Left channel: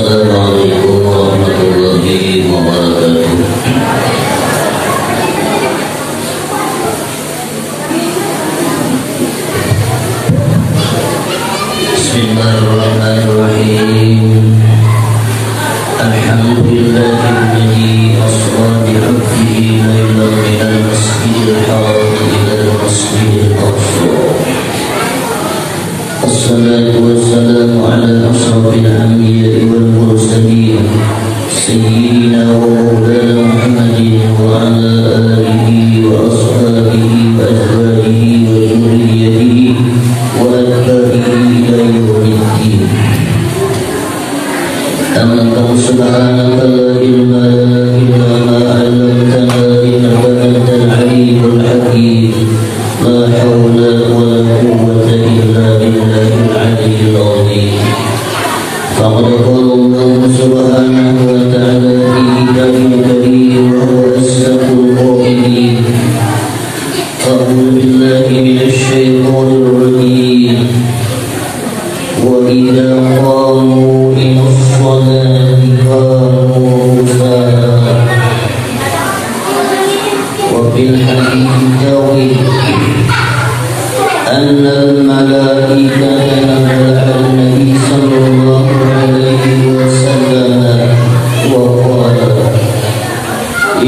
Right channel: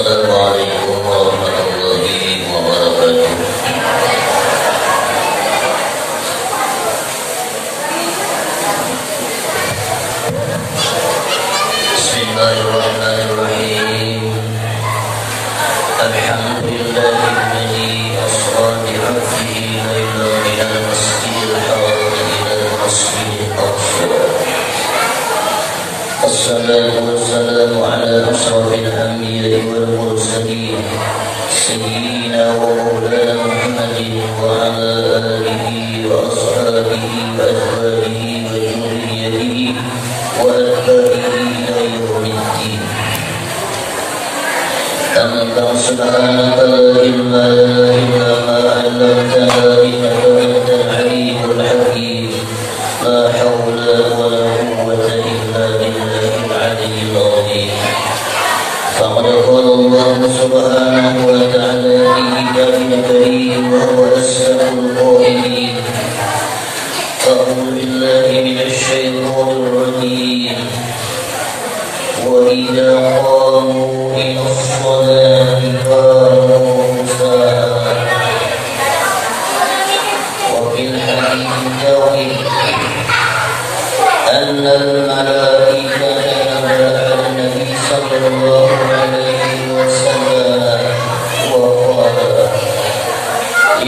Assalamualaikum warahmatullahi wabarakatuh. Bismillahirrahmanirrahim. Alhamdulillahilladzi asra bi 'abdihi laylan minal masjidil haram ilal masjidil aqsa. Assalatu wassalamu ala ashrafil anbiya'i wal mursalin sayyidina wa maulana Muhammadin wa ala alihi wa ashabihi wa azwajihi wa dhurriyyatihi wa atba'ihi ila yaumiddin. Anta subhanaka la ilma lana illa ma 'allamtana innaka antal 'alimul hakim. La hawla wa la quwwata illa billahil 'aliyyil 'azim. Faqad qala Allah subhanahu wa ta'ala fi kitabihi karim wa huwa asdaqul qa'ilin. A'udzu billahi minasy syaithanir rajim. Wa idza qamu ilas salati qamu kusala. Wa fil hadits tawil أن الملائكة نبأ النبي صلى الله عليه وسلم وقال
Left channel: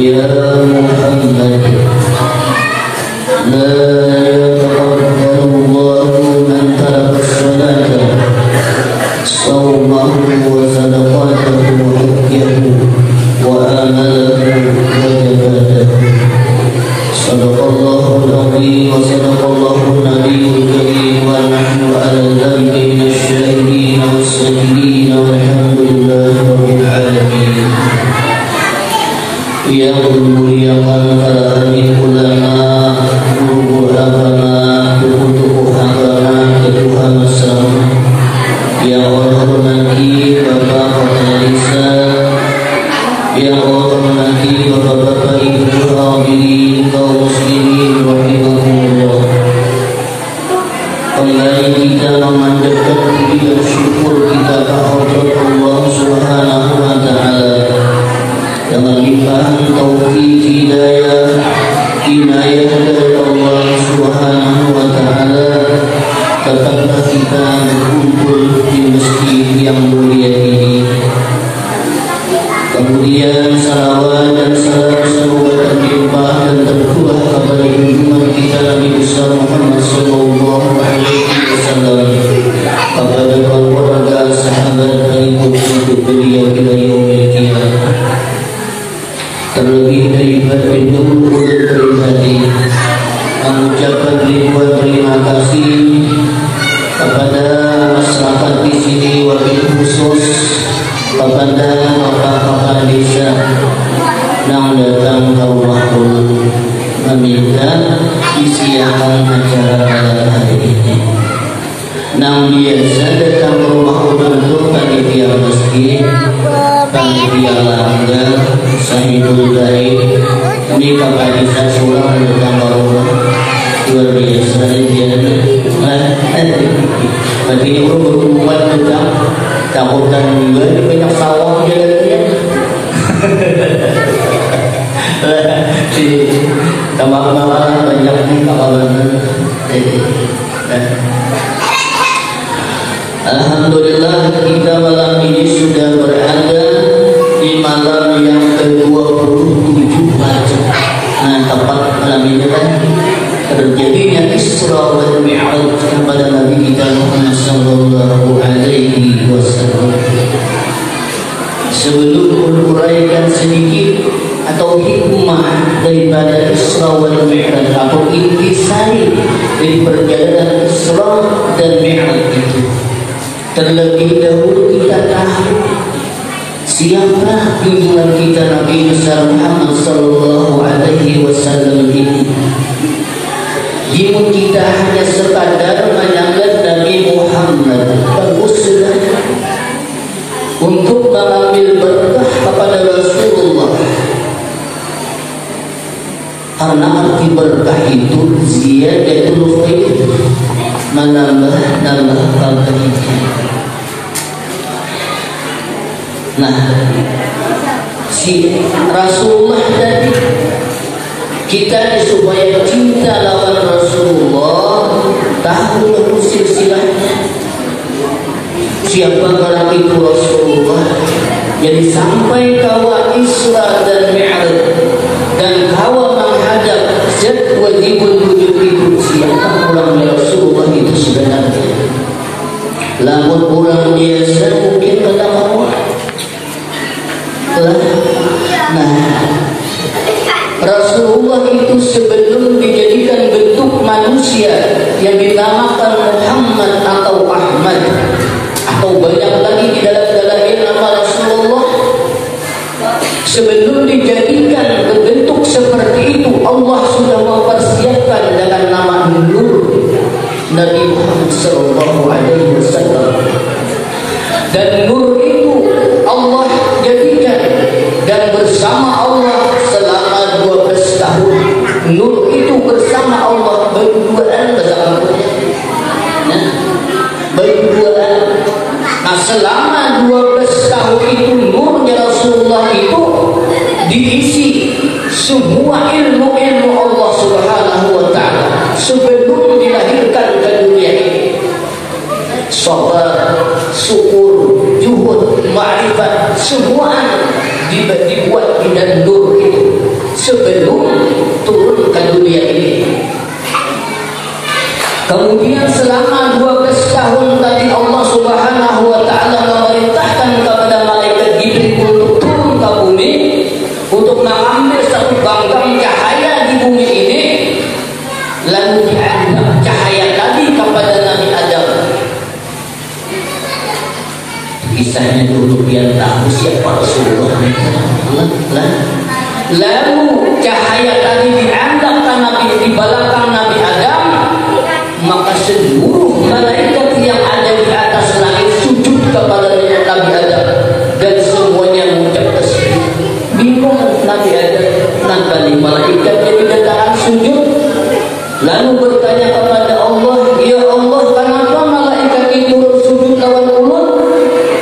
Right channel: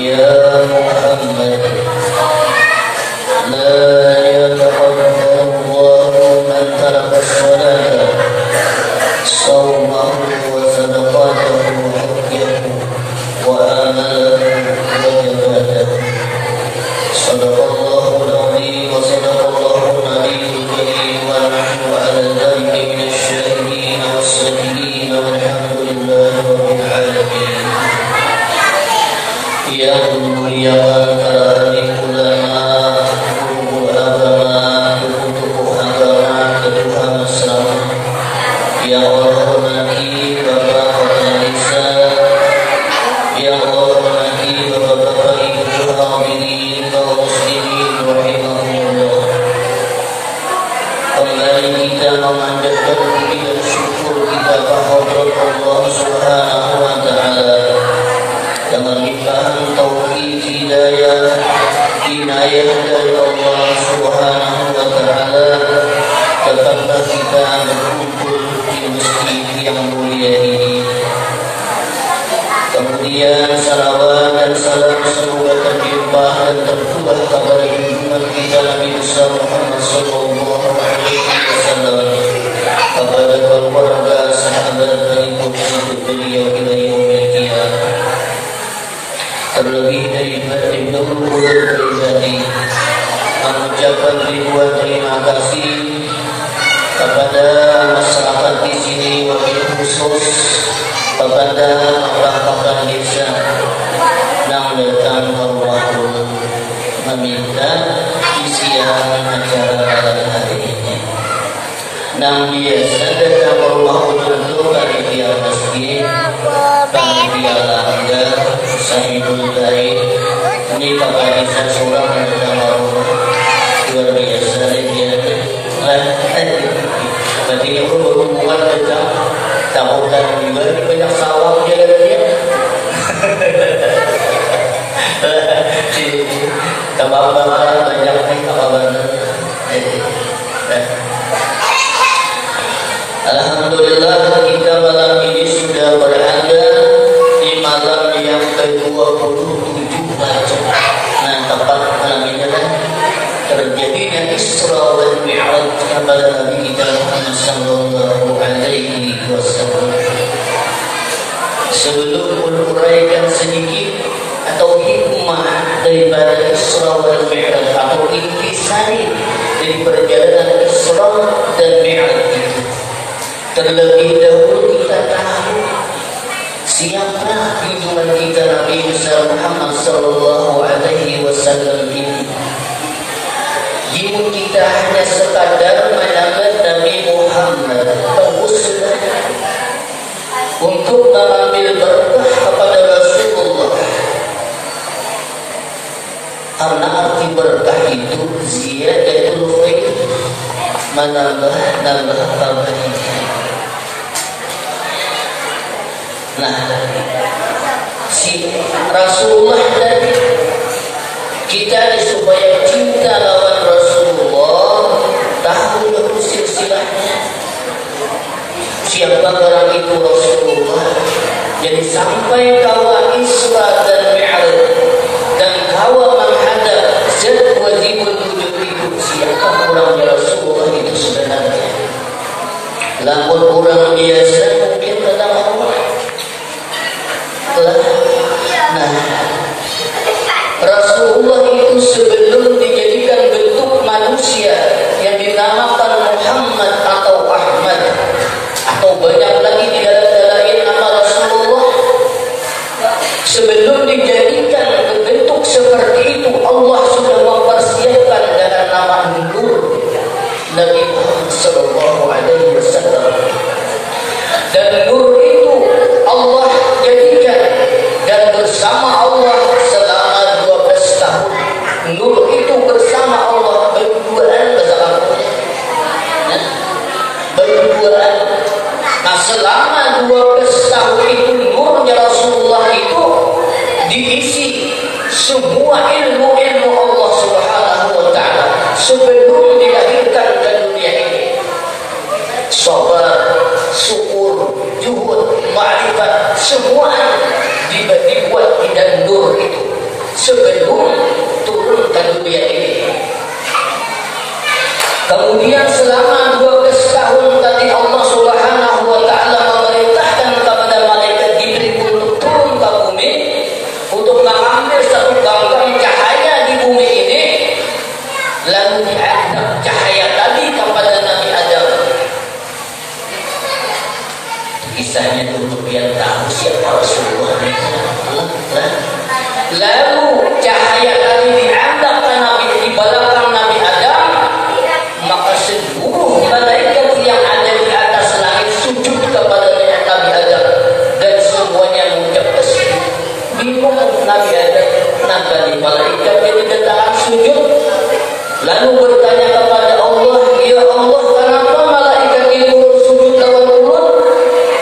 يا محمد لا يتقبل الله من ترك الصلاة صومه وصدقاته حجه وآمله وجباته. صدق الله العظيم وصدق الله النبي الكريم ونحن على ذلك من الشاهدين والشاكرين والحمد لله رب العالمين. Yang muliakan para ulama, guru agama, tokoh agama, ketua masyarakat, yang Allah hormati bapak-bapak desa, yang Allah hormati bapak-bapak ibu hadirin kaum muslimin rahimahumullah. Kembali kita memanjatkan puji dan syukur kita kehadirat Allah Subhanahu wa taala dengan limpahan taufik hidayah inayah dari Allah Subhanahu wa taala. Tetaplah kita berkumpul di masjid yang mulia ini. Kemudian salawat dan salam semoga terlimpah dan tercurah kepada junjungan kita Nabi besar Muhammad sallallahu alaihi wasallam, kepada keluarga, sahabat dan pengikut beliau ila yaumil qiyamah. Terlebih daripada itu pribadi mengucapkan ribuan terima kasih kepada masyarakat di sini, wabil khusus kepada bapak-bapak desa yang datang ke rumahku meminta isian acara hari ini. Yang biasa datang ke rumahku tentu panitia masjid, panitia langgar, sahibul lain. Ini kakak desa surang datang ke rumah luar biasa dia. Berarti itu berhubungan tentang cakupan juga banyak sawah jalan dia. Tambah-tambah banyak nih kawan. Alhamdulillah kita malam ini sudah berada di malam yang ke-27 Rajab. Nah, tepat malam ini kan terjadinya Isra wal Mi'raj kepada Nabi kita Muhammad sallallahu alaihi wasallam. Sebelum menuraikan sedikit atau hikmah daripada Isra wal Mi'raj atau intisari dari perjalanan Isra dan Mi'raj itu, terlebih dahulu kita tahu siapa junjungan kita Nabi besar Muhammad sallallahu alaihi wasallam ini. Jika kita hanya sekadar menanggap Nabi Muhammad pengusulan untuk mengambil berkah kepada Rasulullah, karena arti berkah itu ziyadatul khair, menambah kebaikan. Nah, si Rasulullah tadi kita supaya cinta lawan Rasulullah tahu dulu silsilahnya. Siapa orang itu Rasulullah? Jadi sampai kawa Isra dan Mi'raj dan kawa menghadap zat wajibul wujud itu, siapa orang Rasulullah itu sebenarnya? Lamun orang biasa mungkin kena mau. Nah, Rasulullah itu sebelum dijadikan bentuk manusia yang dinamakan Muhammad atau Ahmad atau banyak lagi di dalam nama Rasulullah, sebelum dijadikan berbentuk seperti itu Allah sudah mempersiapkan dengan nama Nur Nabi Muhammad sallallahu alaihi wasallam. Dan Nur itu Allah jadikan dan bersama Allah selama 12 tahun. Nur itu bersama Allah berduaan bersama Allah. Berduaan. Nah, selama 12 tahun itu nurnya Rasulullah itu diisi semua ilmu-ilmu Allah Subhanahu wa ta'ala sebelum dilahirkan ke dunia ini. Sabar, syukur, juhud, ma'rifat, semua dibuat di dalam nur itu sebelum turun ke dunia ini. Kemudian selama 12 tahun tadi Allah Subhanahu wa ta'ala memerintahkan kepada malaikat Jibril untuk turun ke bumi untuk mengambil satu bangkang cahaya di bumi ini, lalu dianggap cahaya tadi kepada Nabi Adam. Kisahnya dulu biar tahu siapa Rasulullah. Lalu cahaya tadi dianggap Nabi di belakang Nabi Adam, maka seluruh malaikat yang ada di atas langit sujud kepada Nabi Adam dan semuanya mengucap tasbih. Bingung Nabi Adam, kenapa nih malaikat jadi datang sujud? Lalu bertanya kepada Allah, ya Allah, kenapa malaikat itu sujud lawan ulut?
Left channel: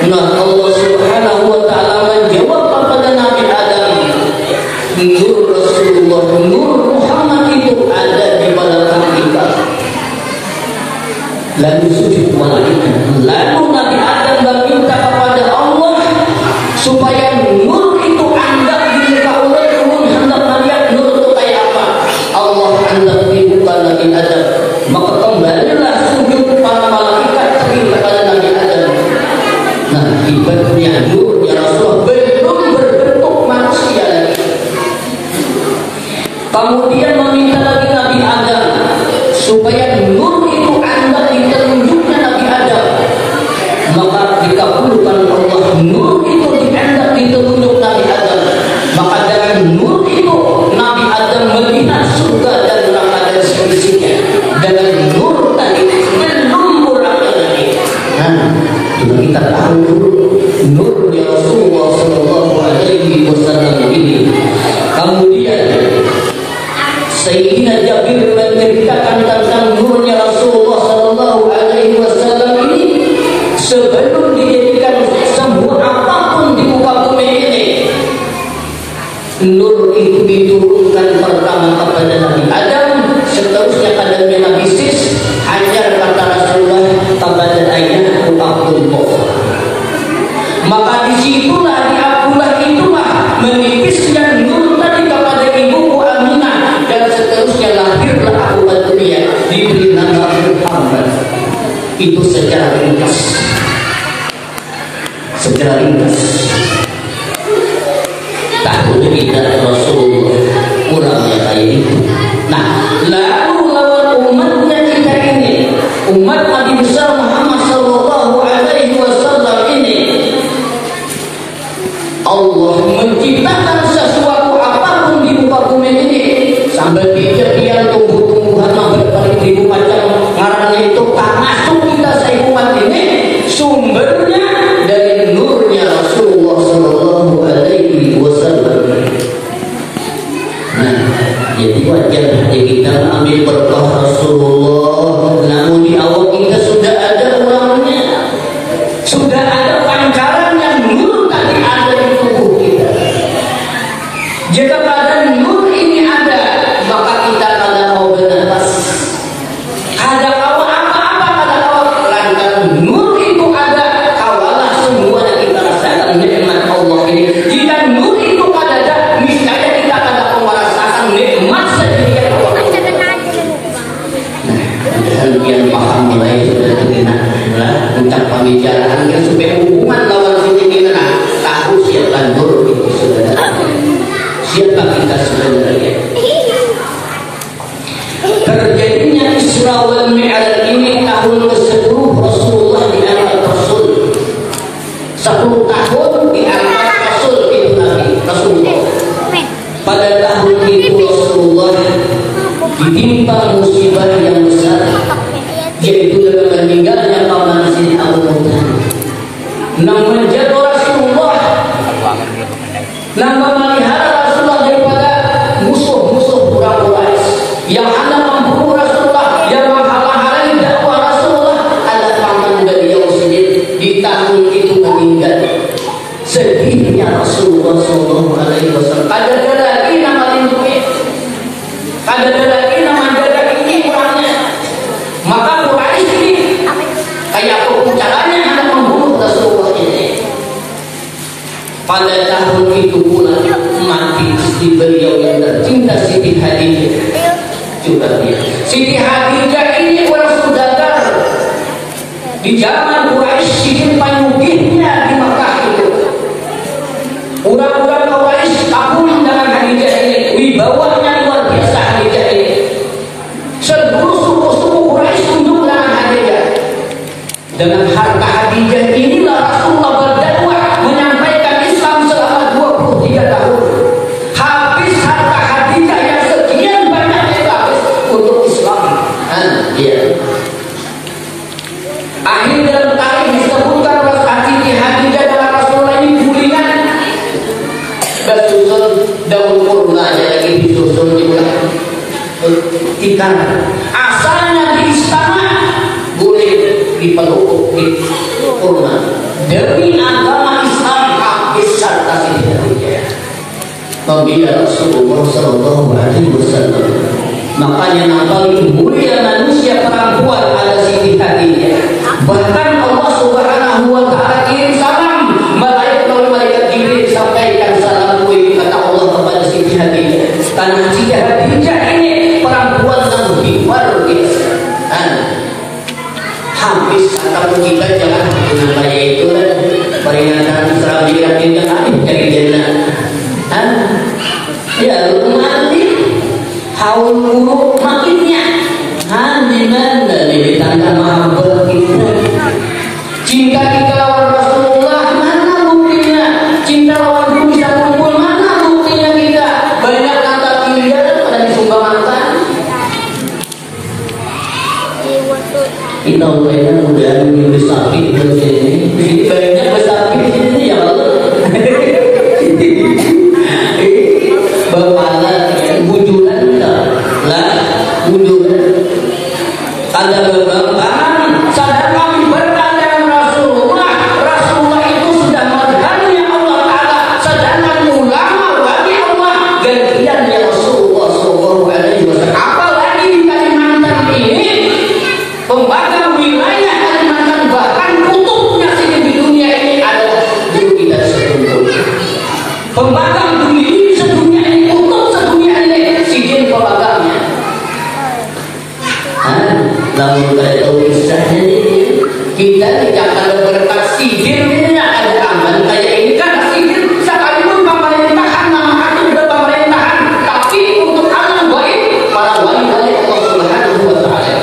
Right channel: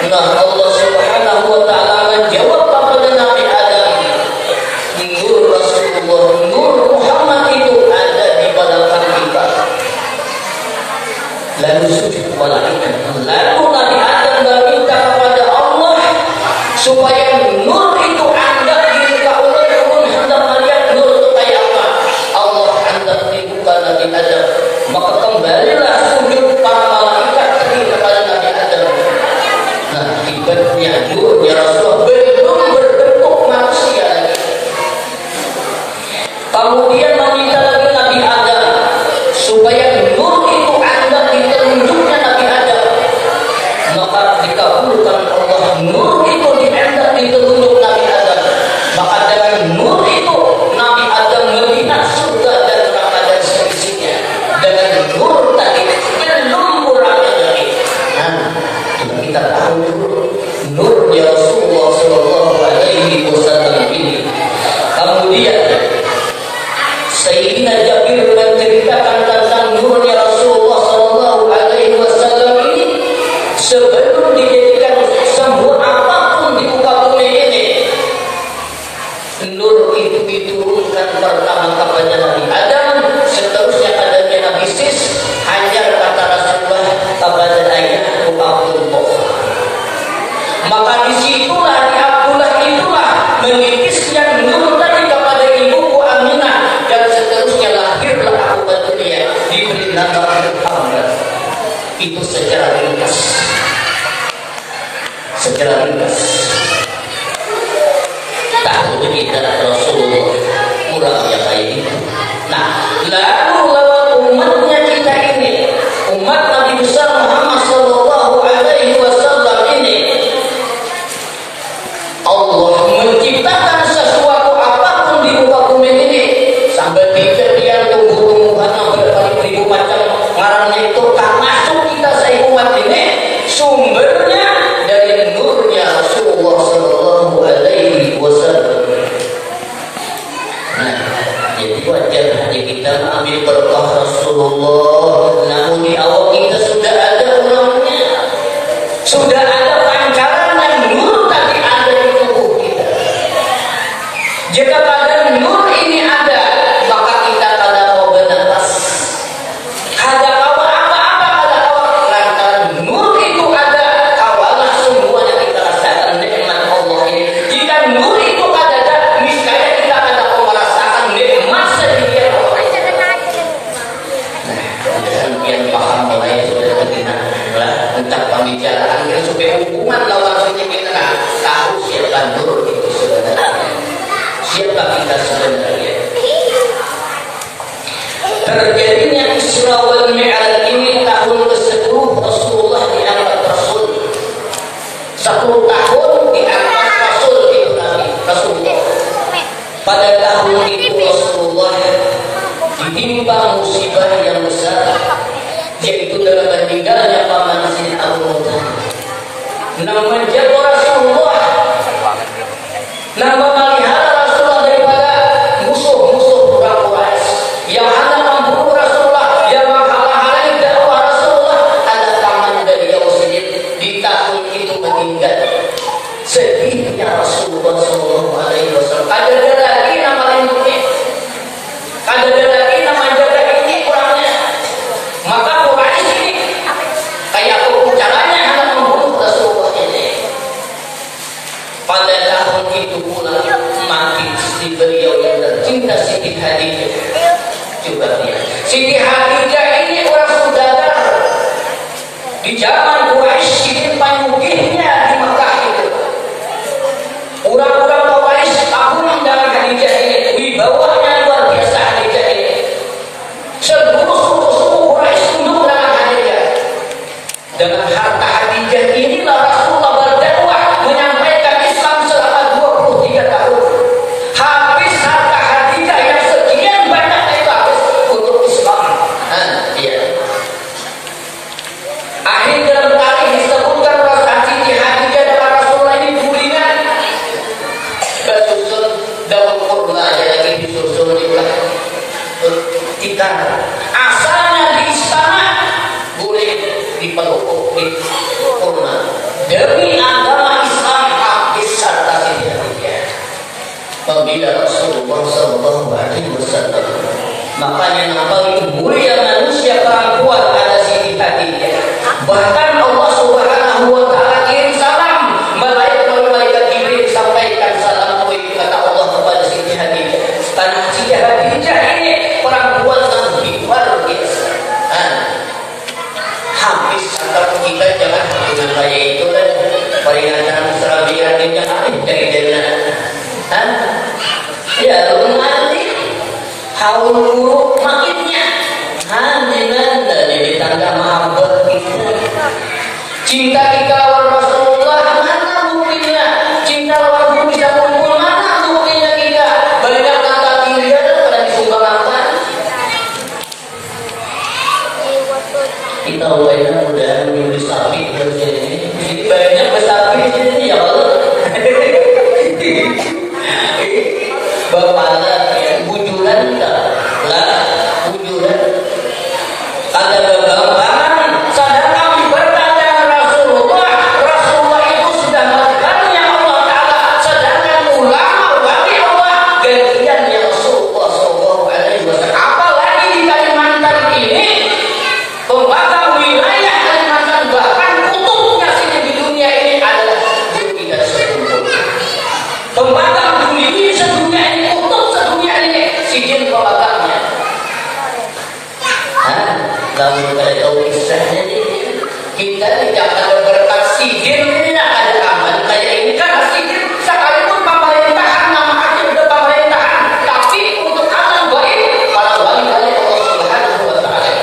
Nah, Allah Subhanahu wa ta'ala menjawab kepada Nabi Adam, nur Rasulullah, nur Muhammad itu ada di belakang kita. Lalu sujud malaikat. Lalu Nabi Adam meminta kepada Allah supaya nur itu anggap di muka umat umum hendak melihat nur itu kayak apa. Allah anggap di muka Nabi Adam. Maka kembalilah sujud para malaikat kepada Nabi Adam. Nah, akibatnya nurnya Rasulullah belum berbentuk manusia lagi. Kemudian meminta lagi Nabi Adam supaya nur itu anggap di telunjuknya Nabi Adam. Maka dikabulkan Allah, nur itu dianggap di telunjuk Nabi Adam. Maka dengan nur itu Nabi Adam melihat surga dan neraka dan seisinya. Dengan nur tadi belum kurangnya lagi. Nah, kita tahu nurnya Rasulullah sallallahu alaihi wasallam ini. Kemudian Sayyidina Jabir menceritakan tentang nurnya Rasulullah sallallahu alaihi wasallam ini sebelum dijadikan semua apapun di muka bumi ini. Nur itu diturunkan pertama kepada Nabi Adam, seterusnya kepada Nabi Sis, hajar kata Rasulullah kepada ayahku Abdullah. Maka disitulah di Abdullah itulah menitisnya nur tadi kepada ibuku Aminah, dan seterusnya lahirlah aku ke dunia diberi nama Muhammad. Itu secara ringkas. Secara ringkas. Tahu tidak Rasulullah kurangnya kayak itu. Nah, lalu lawan umatnya kita ini, umat Nabi besar Muhammad sallallahu alaihi wasallam ini, Allah menciptakan sesuatu apapun di muka bumi ini sampai kejadian tumbuh-tumbuhan yang berbagai-bagai macam ngarangnya itu tak masuk kita seumat ini, sumbernya dari nurnya Rasulullah sallallahu alaihi wasallam. Nah, jadi wajar kita ambil berkah Rasulullah, namun di awal kita sudah ada orangnya, sudah ada pancaran yang nur tadi menimpa musibah yang besar, yaitu dengan meninggalnya paman Sidi Abu Muthalib. Namun jatuh Rasulullah, namun melihara Rasulullah daripada musuh-musuh orang Quraisy yang hendak membunuh Rasulullah, yang menghalang-halangi dakwah Rasulullah. Ada paman beliau sendiri di tahun itu meninggal. Sedihnya Rasulullah SAW. Ada lagi nama lindungi, ada lagi nama jaga ini kurangnya. Maka Quraisy ini kayak apa caranya hendak membunuh Rasulullah ini. Pada tahun itu pula mati istri beliau yang tercinta Siti Khadijah. Coba lihat, Siti Khadijah ini orang saudagar di zaman Quraisy ingin panyugihnya di Mekah itu. Orang-orang Quraisy kagum dengan Khadijah ini, wibawanya luar biasa Khadijah ini. Seluruh suku-suku Quraisy tunduk dengan Khadijah. Dengan harta Khadijah inilah Rasulullah berdakwah menyampaikan Islam selama 23 tahun. Habis harta Khadijah yang sekian banyak itu habis untuk Islam. Akhir dalam tarikh disebutkan Siti Khadijah dalam Rasulullah ini gulingan kesusun daun kurma, jadi disusun juga ikan. Asalnya di istana boleh dipeluk di kurma. Demi agama Islam habis harta Siti Khadijah. Pembela Rasulullah SAW. Makanya yang paling mulia manusia perempuan adalah Siti Khadijah. Bahkan Allah Subhanahu wa Ta'ala kirim salam, malaikat Jibril sampaikan salam kata Allah kepada Siti Khadijah. Karena Siti Khadijah ini perempuan yang luar biasa. Habis kalau kita jangan kayak itu lah, peringatan Serabiran tidak ada dari jalan. Ya nanti haul buruk makinnya. Di mana di tanda mahabbah kita, cinta kita lawan Rasulullah, mana buktinya? Cinta lawan Nabi bisa kumpul, mana buktinya kita? Banyak kata tinggal pada disumbangkan. Kita udah minggu sapi ini banyak besapi ini ya Allah. Bapaknya bujuran lah, bujuran. Tanda kegambaran sadar kami bertanya Rasulullah. Rasulullah itu sudah magangnya Allah Ta'ala, sedangkan ulama wali Allah gantiannya Rasulullah SAW. Apalagi di Kalimantan ini, pembakar wilayah Kalimantan, bahkan kutubnya sini di dunia ini adalah guru kita sekumpul. Pembakar dunia ini sedunia ini, kutub sedunia ini, sijin pembakarnya. Lalu kita tahu kisahnya ini, kita tidak ada berkat sihir ini, ada aman kayak ini kan sihir. Sekalipun pemerintahan namanya sudah pemerintahan, tapi untuk alam baik para wali-wali Allah Subhanahu wa Ta'ala.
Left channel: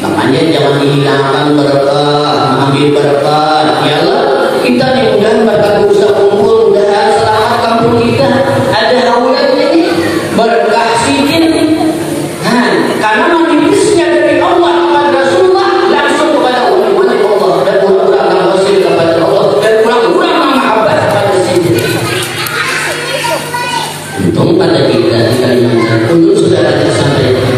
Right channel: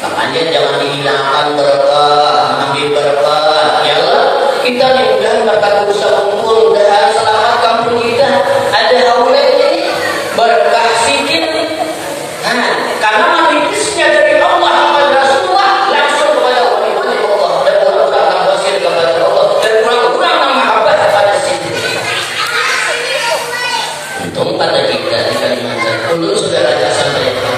Makanya jangan dihilangkan berkah, ambil berkah. Ya Allah, kita mudah-mudahan berkat usaha kumpul, mudah-mudahan selamat kampung kita ada hawanya ini berkah sihir. Karena manipisnya dari Allah kepada Rasulullah langsung kepada wali-wali Allah dan orang-orang yang wasil kepada Allah dan orang-orang yang mahabbah kepada sendiri. Untung pada kita di Kalimantan dulu sudah ada sampaikan.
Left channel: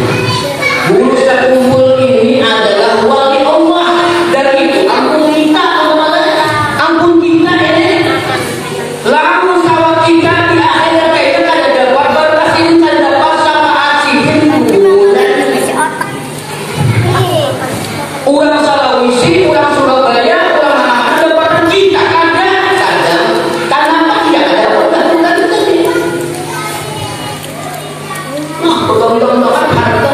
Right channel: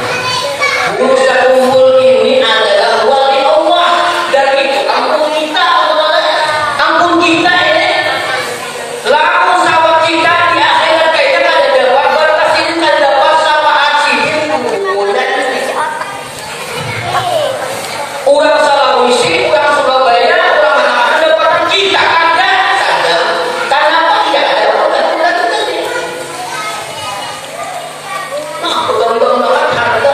Usaha kumpul ini adalah wali Allah dan itu ampun kita, ampun kita ini. Lalu sawah kita di akhirat kita ada dapat berkah ini, ada dapat sama asihin. Orang Sulawesi, orang Surabaya, orang mana dapatan kita ada saja. Karena tidak ada bukan tadi. Nah, bukan harta.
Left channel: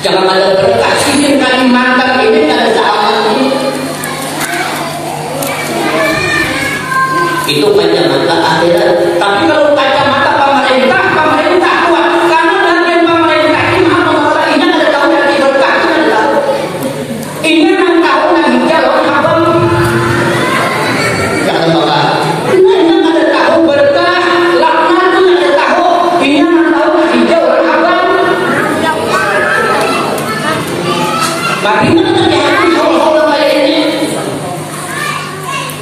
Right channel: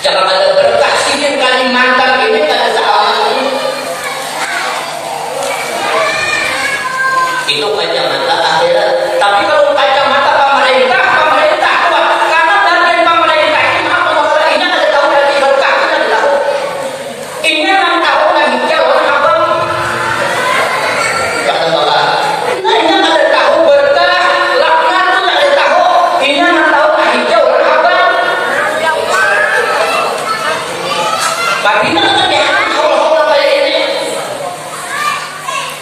Jangan ada berkah sini Kalimantan ini ada salah ini. Itu kacamata akhirat. Tapi kalau kacamata pemerintah kuat. Karena bagian pemerintah ini apa ini ada tahu dari berkah ini tahu. Ini yang tahu lagi kalau abang. Jangan bawa. Ini yang ada tahu berkah, laknat itu ada tahu.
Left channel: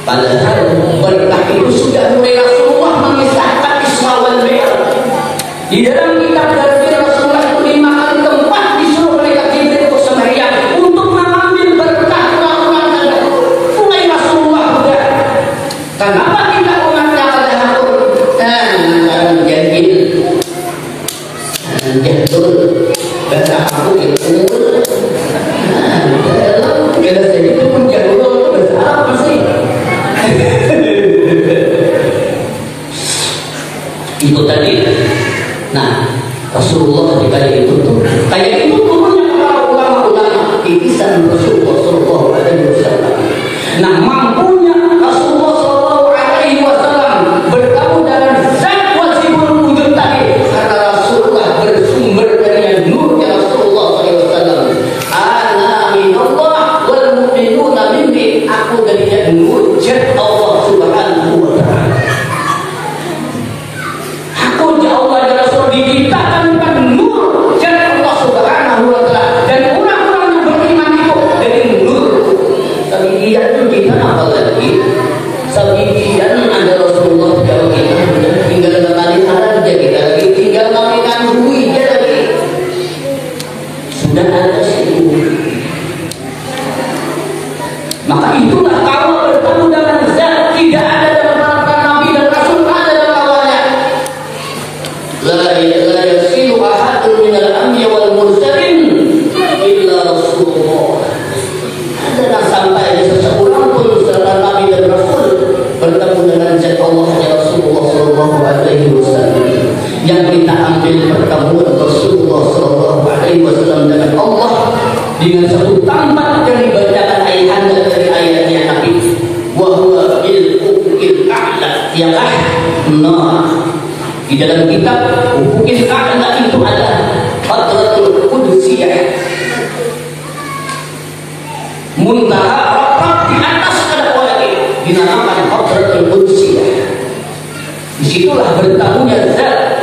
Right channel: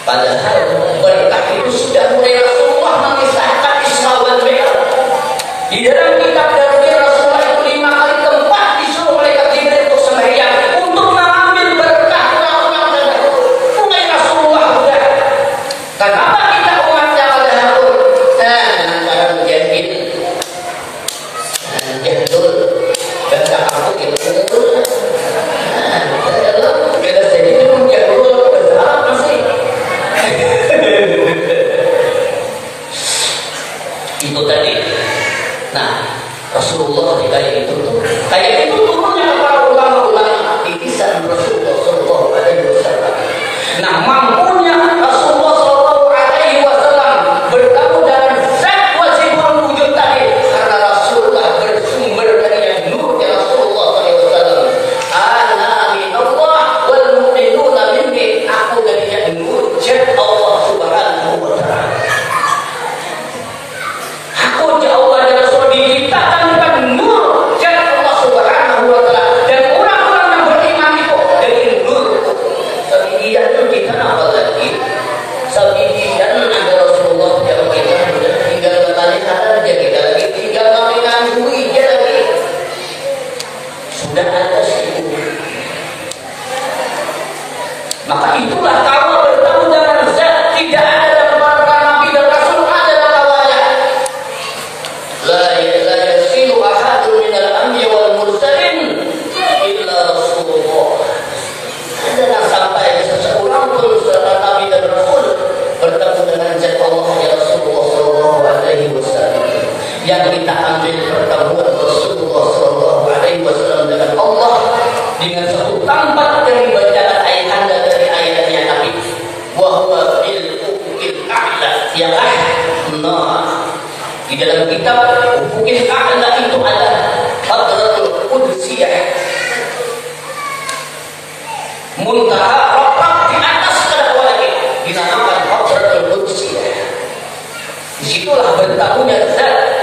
Padahal berkah itu sudah mulai Rasulullah mengisahkan Isra wal Mi'raj. Di dalam kitab dari Rasulullah itu 5 kali tempat disuruh malaikat Jibril untuk sembahyang untuk mengambil berkah orang-orang terdahulu. Mulai Rasulullah sudah. Kenapa kita umatnya terdahulu? Dan jadil, jadul, bahasa aku itu. Kita sedih pun jadul bahasa Arab masih. Itu tadi. Nah, Rasulullah kayak itu turunnya para ulama-ulama titisan Rasulullah Sallallahu Alaihi Wasallam. Nah, mampunya Rasulullah Sallallahu Alaihi Wasallam bertemu dengan zat wajibul wujud tadi karena Rasulullah bersumber dari nurnya Rasulullah Sallallahu Alaihi Wasallam. Ana minallah wal mu'minuna minni, aku dari nur zat Allah Subhanahu Wa Taala. Aku Allah dan Rasul diciptakan dengan nur zat Allah Subhanahu Wa Taala, dan orang-orang yang beriman itu dari nur. Sabidian itu kita apa lagi? Sabidian ada Rasulullah yang kita tinggal mengenali halal jadi lagi, tinggal mengenali duit jadi sudah ada situ. Maka itulah kamu bertemu dengan zat tidak ada dalam para nabi dan rasul, ada dalam awalnya. La yasilu ahadun minal anbiya wal mursalin illa Rasulullah. Ada yang sampai seseorang pun setelah nabi dan rasul bertemu dengan zat Allah ya Rasulullah Sallallahu Alaihi Wasallam. Yang kita ambil pertemuan Rasulullah Sallallahu Alaihi Wasallam dengan Allah dengan satu tampak dari bacaan ayahanda dari ayatnya Nabi. Wa huwa bil ufuqil a'la, ialah di dalam kitab ufuqil a'la itu ada Hadratul Qudsiyah, muntaha rapat di atas kedua langit, dinamakan Hadratul Qudsiyah. Disitulah bertemunya zat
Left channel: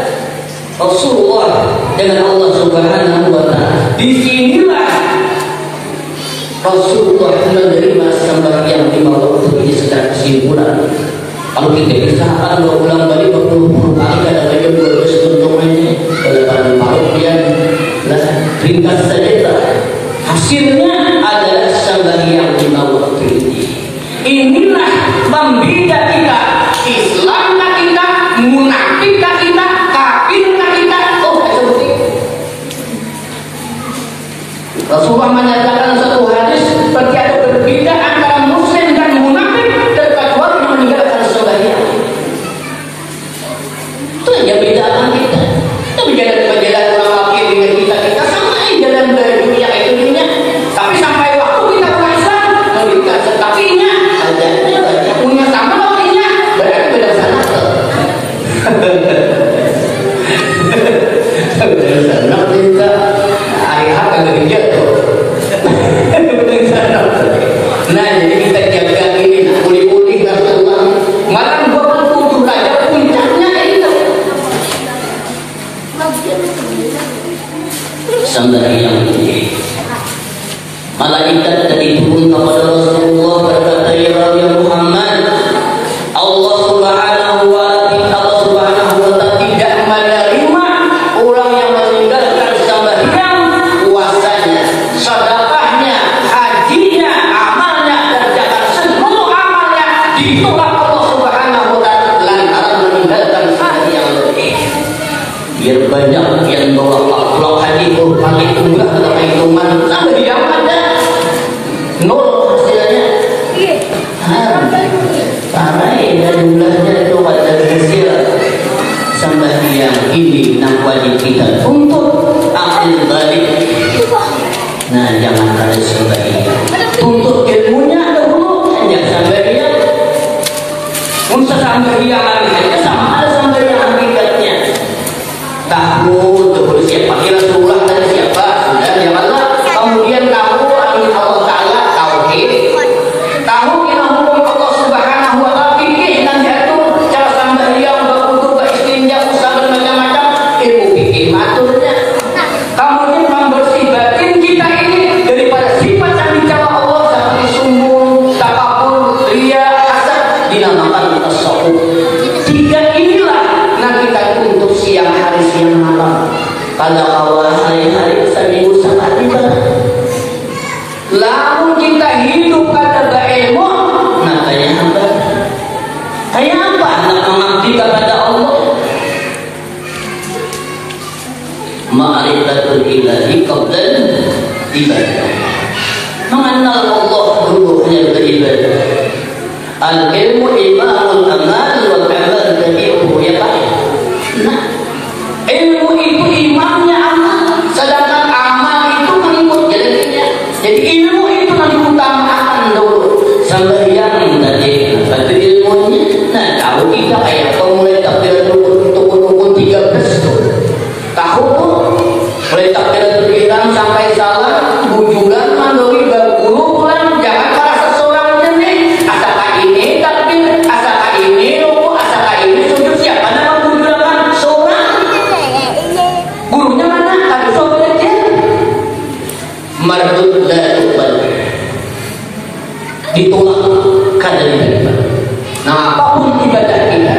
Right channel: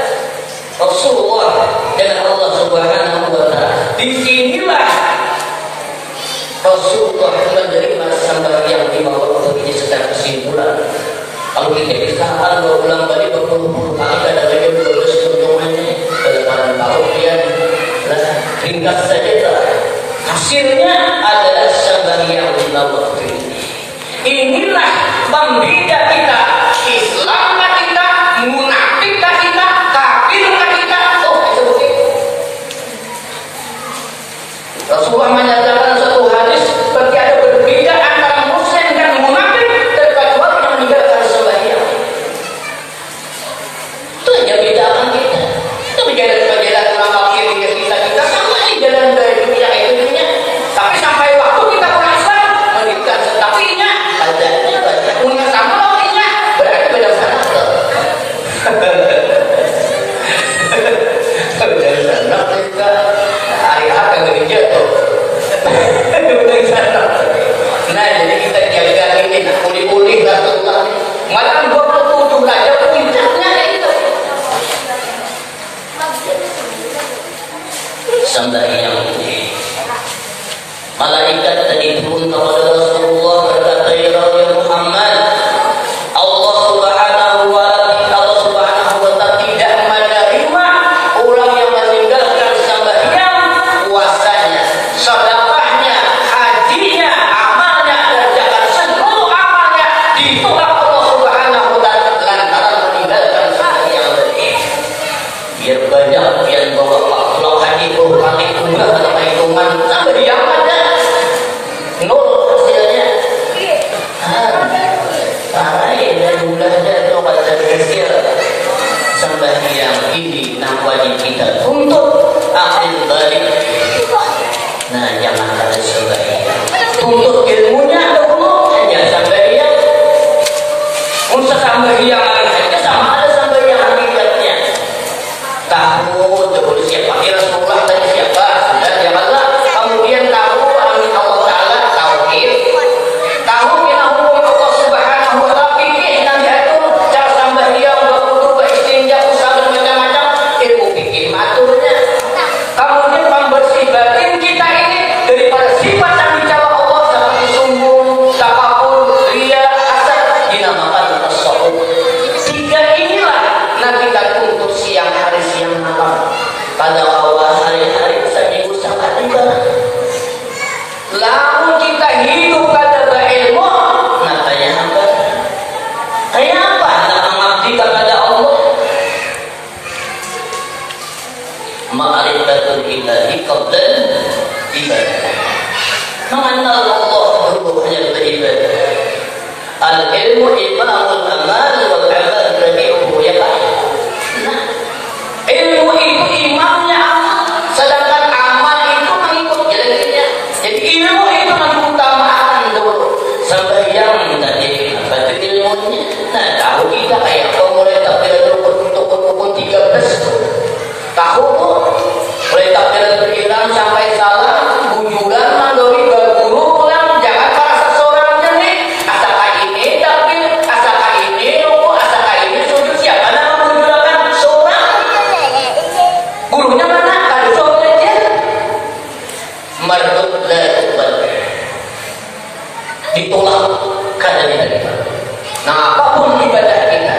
Rasulullah dengan Allah Subhanahu Wa Taala. Disinilah Rasulullah menerima sembahyang 5 waktu ini secara kesimpulan. Kalau kita kisahkan berulang balik berpuluh-puluh kali kadang-kadang 12 contohnya ini kadang-kadang parokian, ringkas saja. Hasilnya adalah sembahyang 5 waktu ini. Inilah membeda kita, Islam kita, munafik kita, kafir kita. Oh, seperti Rasulullah menyatakan satu hadis seperti ada berbeda antara muslim dan munafik terkecuali yang meninggalkan sembahyang. Itu yang bedakan kita. Itu menjadi lama kirinya kita sama jalan dunia dunia. Tapi sampai waktu kita orang Islam meninggalkan setapinya, adanya banyak punya sama lawannya berarti beda sana. Beda sana kita. Hari apa yang dijatuh? Nah, jadi kita jaga ini, nak pulih-pulih Rasulullah. Malam 27 aja puncaknya itu. Sembahyang ini. Malaikat tadi turun kepada Rasulullah berkata, ya Muhammad, Allah Subhanahu wa Ta'ala tidak menerima orang yang meninggalkan sembahyang, puasanya, sedekahnya, hajinya, amalnya dan zakat, seluruh amalnya ditolak Allah Subhanahu wa Ta'ala lantaran meninggalkan sembahyang tadi. Biar banyak yang bawa pulang haji, pulang umrah atau hitungan sembahyang ada nol hasilnya. Pakai dan jumlahnya itu pada kecil. Sembahyang ini nak wajib kita untuk akhir balik. Nah, jangan kali sembahyang. Untuk ilmunya dahulu hanya sembahyang. Untuk sembahyang hakikatnya sama ada sembahyang hakikatnya. Tahu dahulu siapa Rasulullah dan siapa sudah janganlah kemudian tahu ada awal hari-hari seminggu sangat ibadah. Lamun kita hidup kada berilmu, nah kayak apa? Kayak apa? Nak mengabdi kepada Allah. Ma'rifatul ilahi qabla ibadah. Mengenal Allah dulu hanya beribadah. Al-ilmu imamul amal wal amal tabi'uhu yaqin. Nah, ilmu itu imamnya amal, sedangkan amal itu mengikut jalannya. Jadi ilmu itu mengutamakan dulu sembahyang tadi. Apa itu ilmunya? Nah, tahu kita kayak mulai takbiratul rukun 13 tuh. Tahu mulai takbiratul ihram sampai salam, bujuran, mandori, berguru, pulang, jangan para seseorang jenis. Asal ini takbir, asal ini ruku, asal ini sujud. Siapa nama bujuran? Seorang. Gurunya mana? Tadi soal aja. Mardut dan ditolak kada diterima. Nah, apapun ibadah kita.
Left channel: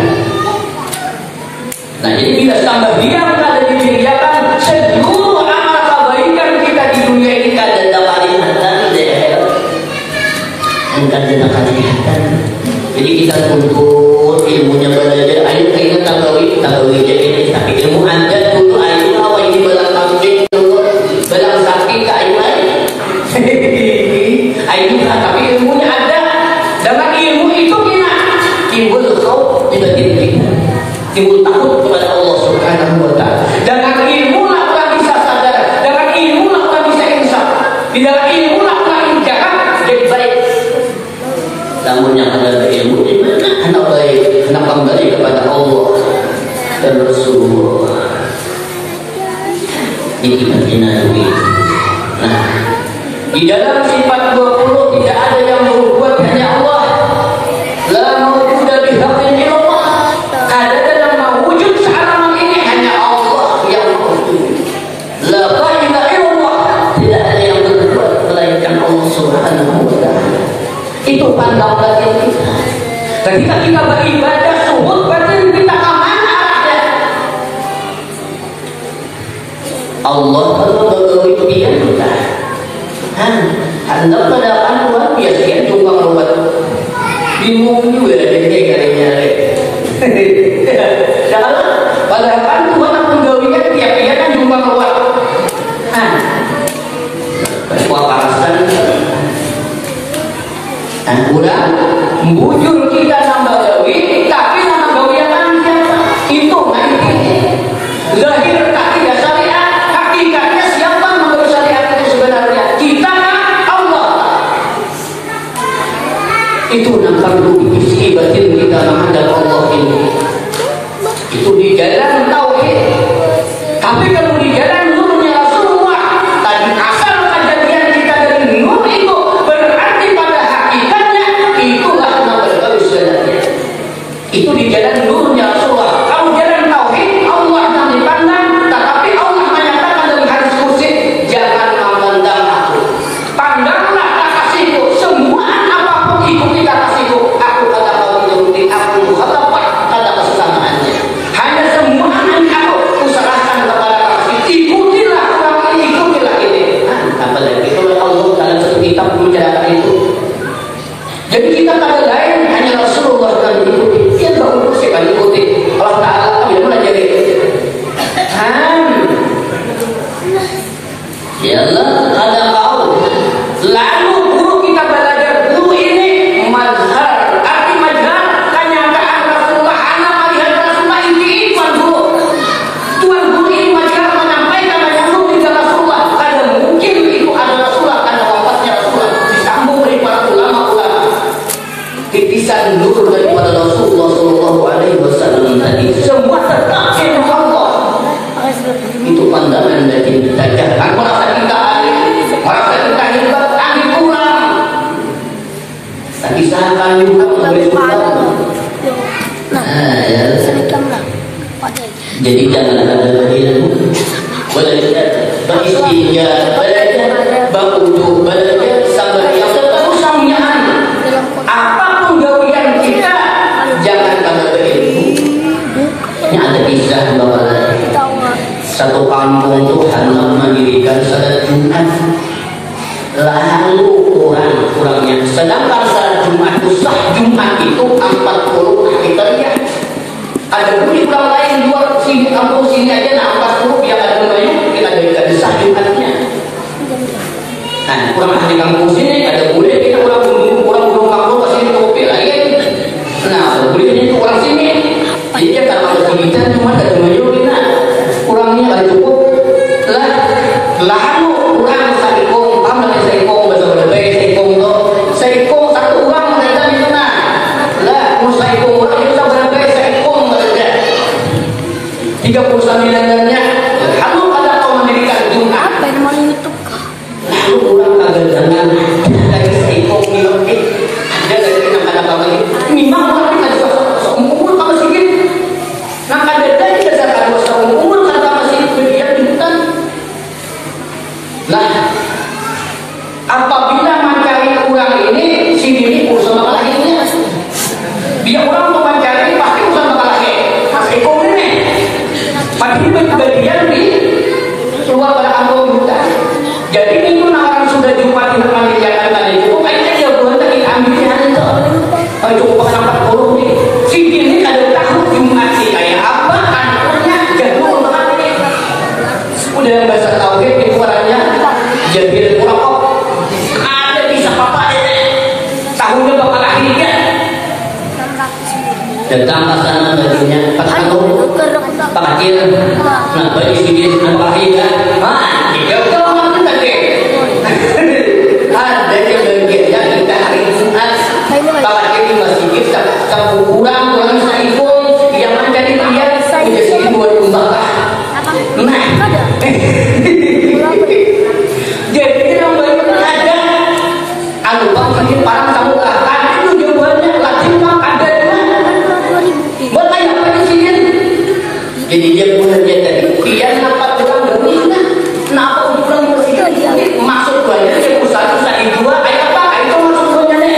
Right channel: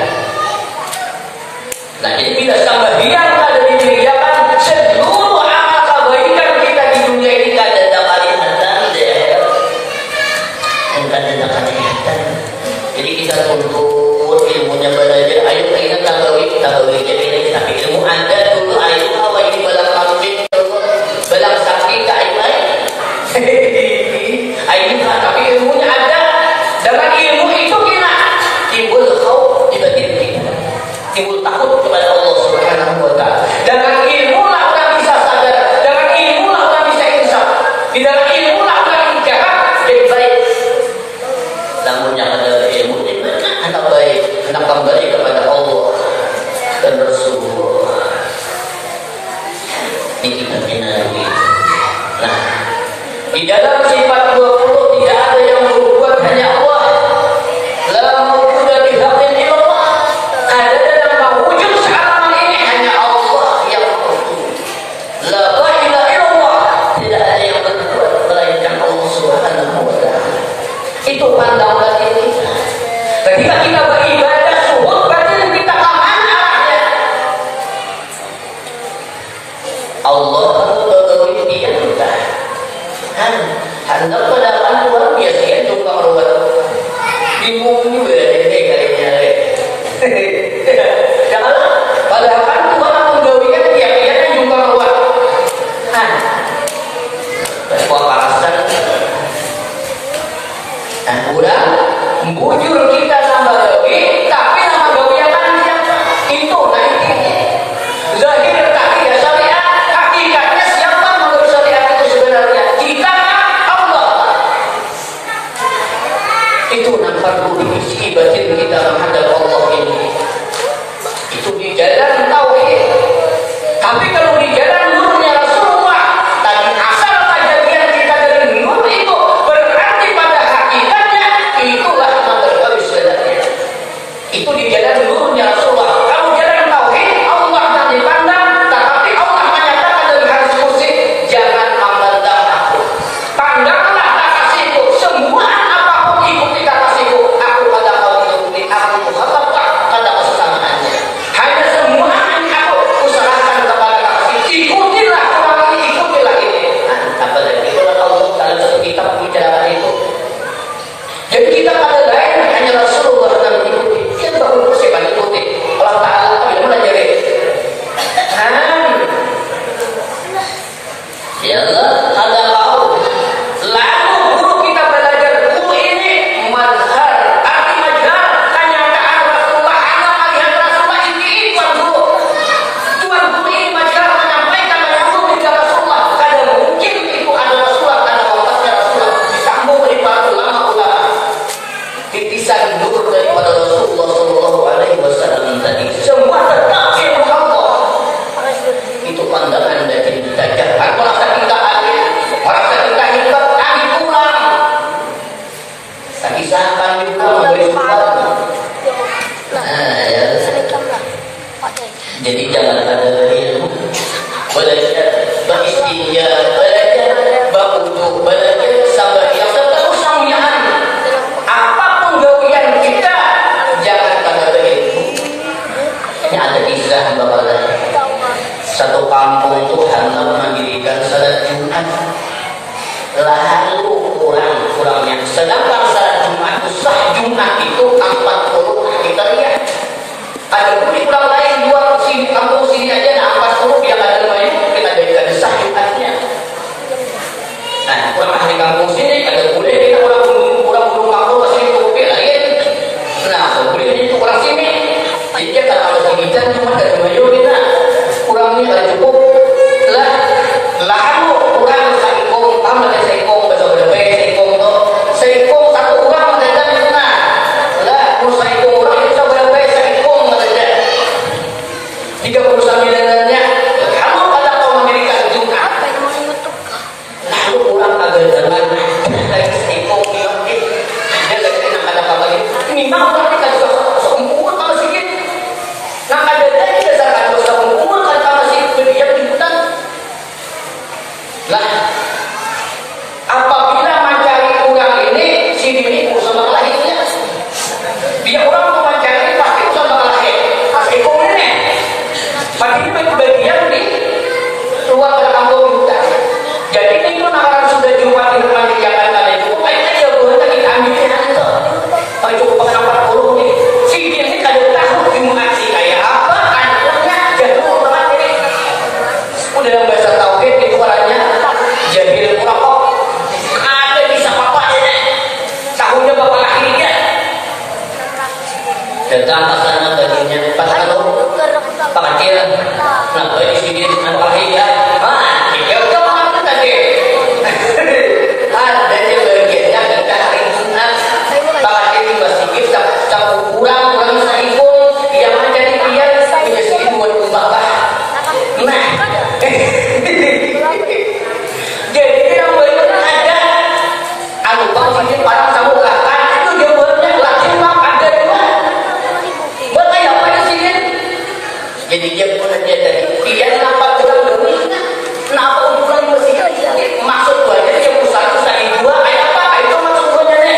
Nah, jadi bila sembahyang kada diterima, seluruh amal kebaikan kita di dunia ini kada dapat kelihatan deh. Kada dapat kelihatan. Jadi kita tuntut ilmunya belajar. Ayo kita tabawi jadi tapi ilmu anda dulu ayo awal ini belang kambing dulu belang sapi ke ayo ayo tapi ilmunya ada. Dengan ilmu itu kita timbul khauf di batin kita, timbul takut kepada Allah Subhanahu wa Ta'ala. Dengan ilmu lah orang bisa sadar, dengan ilmu lah orang bisa insaf, dengan ilmu lah orang jahat jadi baik. Namun yang ada ilmu di mana anak baik, anak kembali kepada Allah dan Rasulullah. Nikmatina dunia. Nah, di dalam sifat 20 tidak ada yang berbuat hanya Allah. La mawjuda bihaqqin illallah. Ada dalam mewujud sealam ini hanya Allah yang berwujud. La ilaha illallah. Tidak ada yang berbuat melainkan Allah Subhanahu wa Ta'ala. Itu pandang batin kita. Ketika kita beribadah, suhud batin kita kemana arahnya? Allah berwujud dia sudah. Anda keadaan luar biasa ya, tukang ruwet bingung juga deh kayaknya. Jangan padahal kan Tuhan penggawian dia kan juga ruwet. Kepanasan dan kurang bujur kita nambah gawi, tapi nama gawi yang mana itu nanti zahir tak tidak syariat, hakikatnya siapa menurut syariat itu sebenarnya kita. Itu nampak isi batin kita menghadap Allah ini. Itu di dalam tauhid. Tapi kalau di dalam nurnya Rasulullah, tadi asal kejadian kita dari nur itu berarti pada hakikatnya itulah nama sebenarnya. Itu di dalam nurnya Rasulullah. Kalau jalan tauhid Allah yang dipandang, tetapi Allah menyatakan dalam hadis qudsi, jangan memandang aku. Pandanglah kekasihku. Semua ikuti kekasihku, aku pada kau ikuti, aku khatabah pada kesamaannya. Hanya semua aku usahakan kepada kekasih, ikutilah orang ini, ikutilah ini. Apa lagi? Kalau Allah dalam satu kitab membicarakan itu. Jadi kita pada lain hanya Rasulullah yang ikuti. Dia baru siapa ikuti? Allah Ta'ala tidak melajari. Ya Allah, ada kau. Lalu guru kita belajar guru ini mazhar. Arti mazhar kenyataan Rasulullah. Anak melihat Rasulullah ini tuan guru. Tuan guru ini mazhar menyampaikan yang guru tidak Rasulullah. Kada mungkin itu ada Rasulullah karena wafatnya Rasulullah. Disambung dari para ulama-ulama. Dipisah nur daripada Rasulullah Sallallahu Alaihi Wasallam tadi. Semua tetap ilmu Allah. Itu pandangan dari kita. Jangan merasa kita ahli, merasa kita hebat, ahli kurang. Tapi siapa juga memberi sumber. Jadi jangan ada ilmu. Belajar, beristinja, belajar, berujuk, belajar, sabar yang tetap samyaan. Apapun gawian kita, jangan pada berilmu. Ini ada kisah bahwa satu kampung Ada pun di pulau lain luar sini, kampung sini aja nafas dulu biar ada banyak mungkin ada ikan desah Jumatnya. Nah, kurang ahli kampung sini ada boleh kita orang burung makhluk masih kopi lain. Nah, boleh itu orang sini. Jadi dia kalau kita cuma ada banyak kita kurangnya nggak cukup lah. Lalu kurang saikong, tambah saikong betul saikong satu orang ada di sana. Lah, saikong orang kita berapa saikong ada. 39 dannya. Lalu ada kaum Amerika Jumat. Lalu orang agak dengan lagi saikong ini. Dia lagi nak ada apa lagi? Ini mau kita juga seumur sama sikit. Nak ada lagi dasar dua seumur sama sikit berdiam di hutan. Nah, apabila mencari orang ini, si diri urusan lainnya. Dia orang mau mencari pasti urusan lain. Mas Eko ini, pasti bagian di luar pada kampung hutan. Jadi itu orang sudah Jumat di rumah dijakan tadi itu, kayaknya dia boleh lagi ambilnya itu. Oh itu pengenapa burung nih. Si diri ada tahu Jumat sih kayak apa? Anaknya jadul banget ini. Udah bahasa tauhid di luarnya. Jadi kurang kok ada bisa apa ini tahunya bapak lagi ya datang pasangan baginya pas kalau pak kecil nah bagi sini anak lagi ya jauh-jauh nanti tadi ada yang bagiannya kita hari Jumat pak kecil masih kita kurang bisa ikut yang menjadi dia menjadi buat bapak nah jadi yang banyak ada anu bang ini parang kamu kan itu dia buatnya lagi mak ada juga buat kayak apa di sini jadi dia punya dia tadi dia nampak kurang demi kenapa kurang bersih maksud banyak dia usaha dua kayak apa itu maksud banyak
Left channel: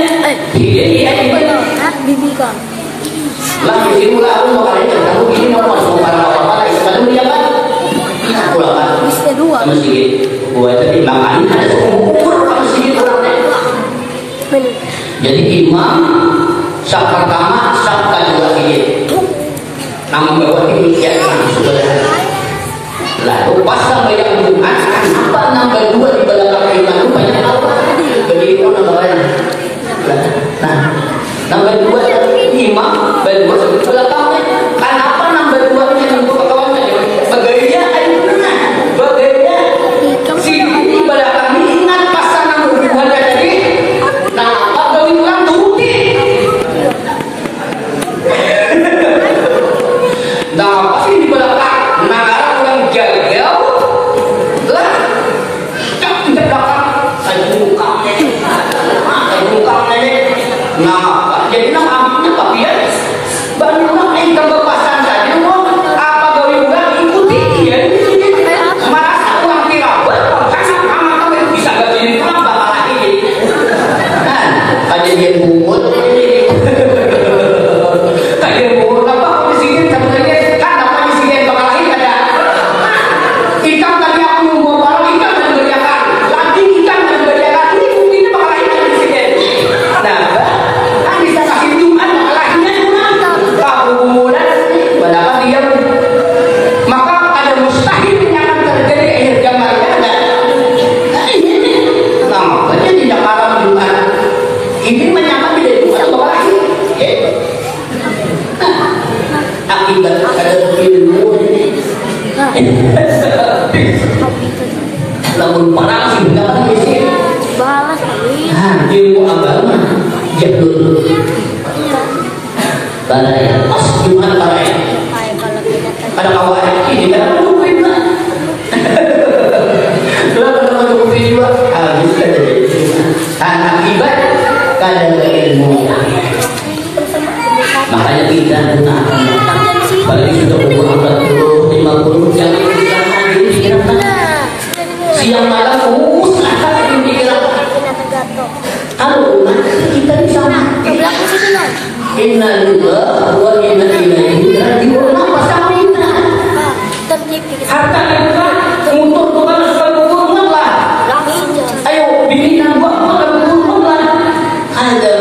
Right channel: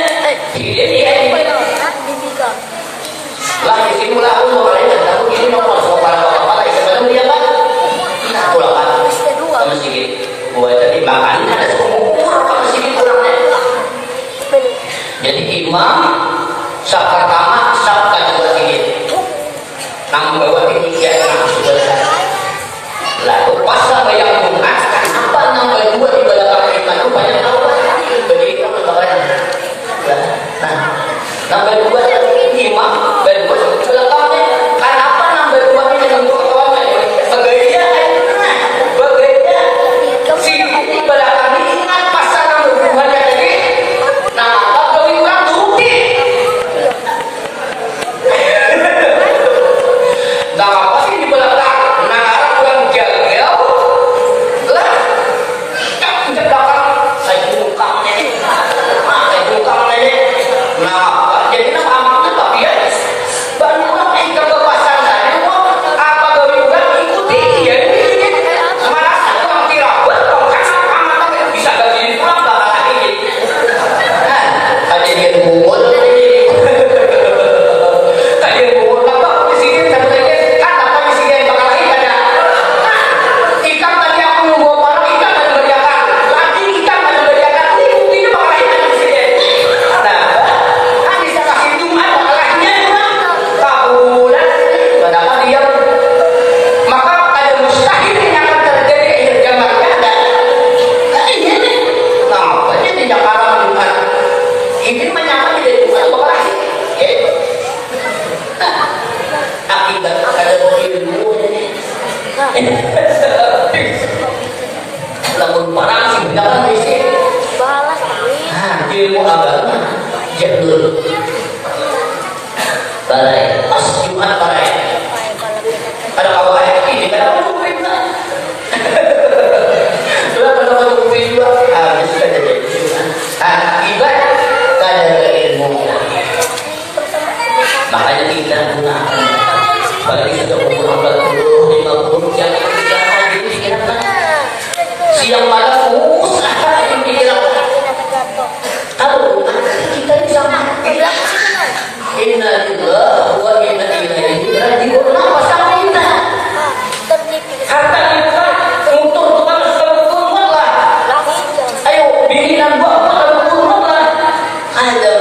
dia lah di sini mulai aku mau kalian kamu gini nomor sama apa lagi macam dia kan nah pulang kan sama sedikit buat tadi makan ada umur kamu sedikit kurangnya. Jadi imam sab pertama sab kedua sedikit. Namun bawa ini ya sebenarnya. Lalu pas sampai yang Jumat kenapa nambah dua di belakang imam itu banyak Allah. Begitu nambahnya. Nah, nambah dua imam berdua belakangnya. Kenapa nambah dua ini untuk kawannya? Bagainya bagainya si di belakang ingat pasangan berdua tadi. Nah, apa bagi orang turuti? Nah, pasti di belakang negara orang gagal lah. Di belakang saya buka ini. Nah, jadi nama tapi ya baru ikan berpasan saja. Apa bagi orang ikuti ya? Merasa uang tirabat, karena bisa bagi pulang bakal lagi. Ada yang bumut, ada yang bumut apa di sini sebenarnya kan apa di sini bakal lagi ada. Ikan tadi aku nunggu orang ikan ada berjalan, lagi ikan ada berjalan ini buktinya bakal lagi ada di sini. Nah, kan bisa kasih Jumat bakal laginya kurang. Tahu bulan, berapa diam. Maka ada mustahil yang akan terjadi akhir zamannya ada. Nah ini nih, nampaknya tidak kalah Jumat. Ini menyamar tidak Jumat bakal lagi. Akibat ada ilmu ini. Lamun parang sih dapat di sini. Ilmu agama dia dulu. Balai pas Jumat balai. Ada kawan ini kada mungkin lah. Kalau kada mungkin juga habis kada jadi. Akibat kada ilmu. Makanya kita gunakan paling sudah umur 40, 50 jangan dikirakan. Siang malam usaha dikirakan. Kalau kita bisa mati. Inna lillahi wa inna ilaihi raji'un. Apa sama kita? Harta kita untuk Tuhan sempurna lah. Ayo bikinan buat sempurna lah. Ada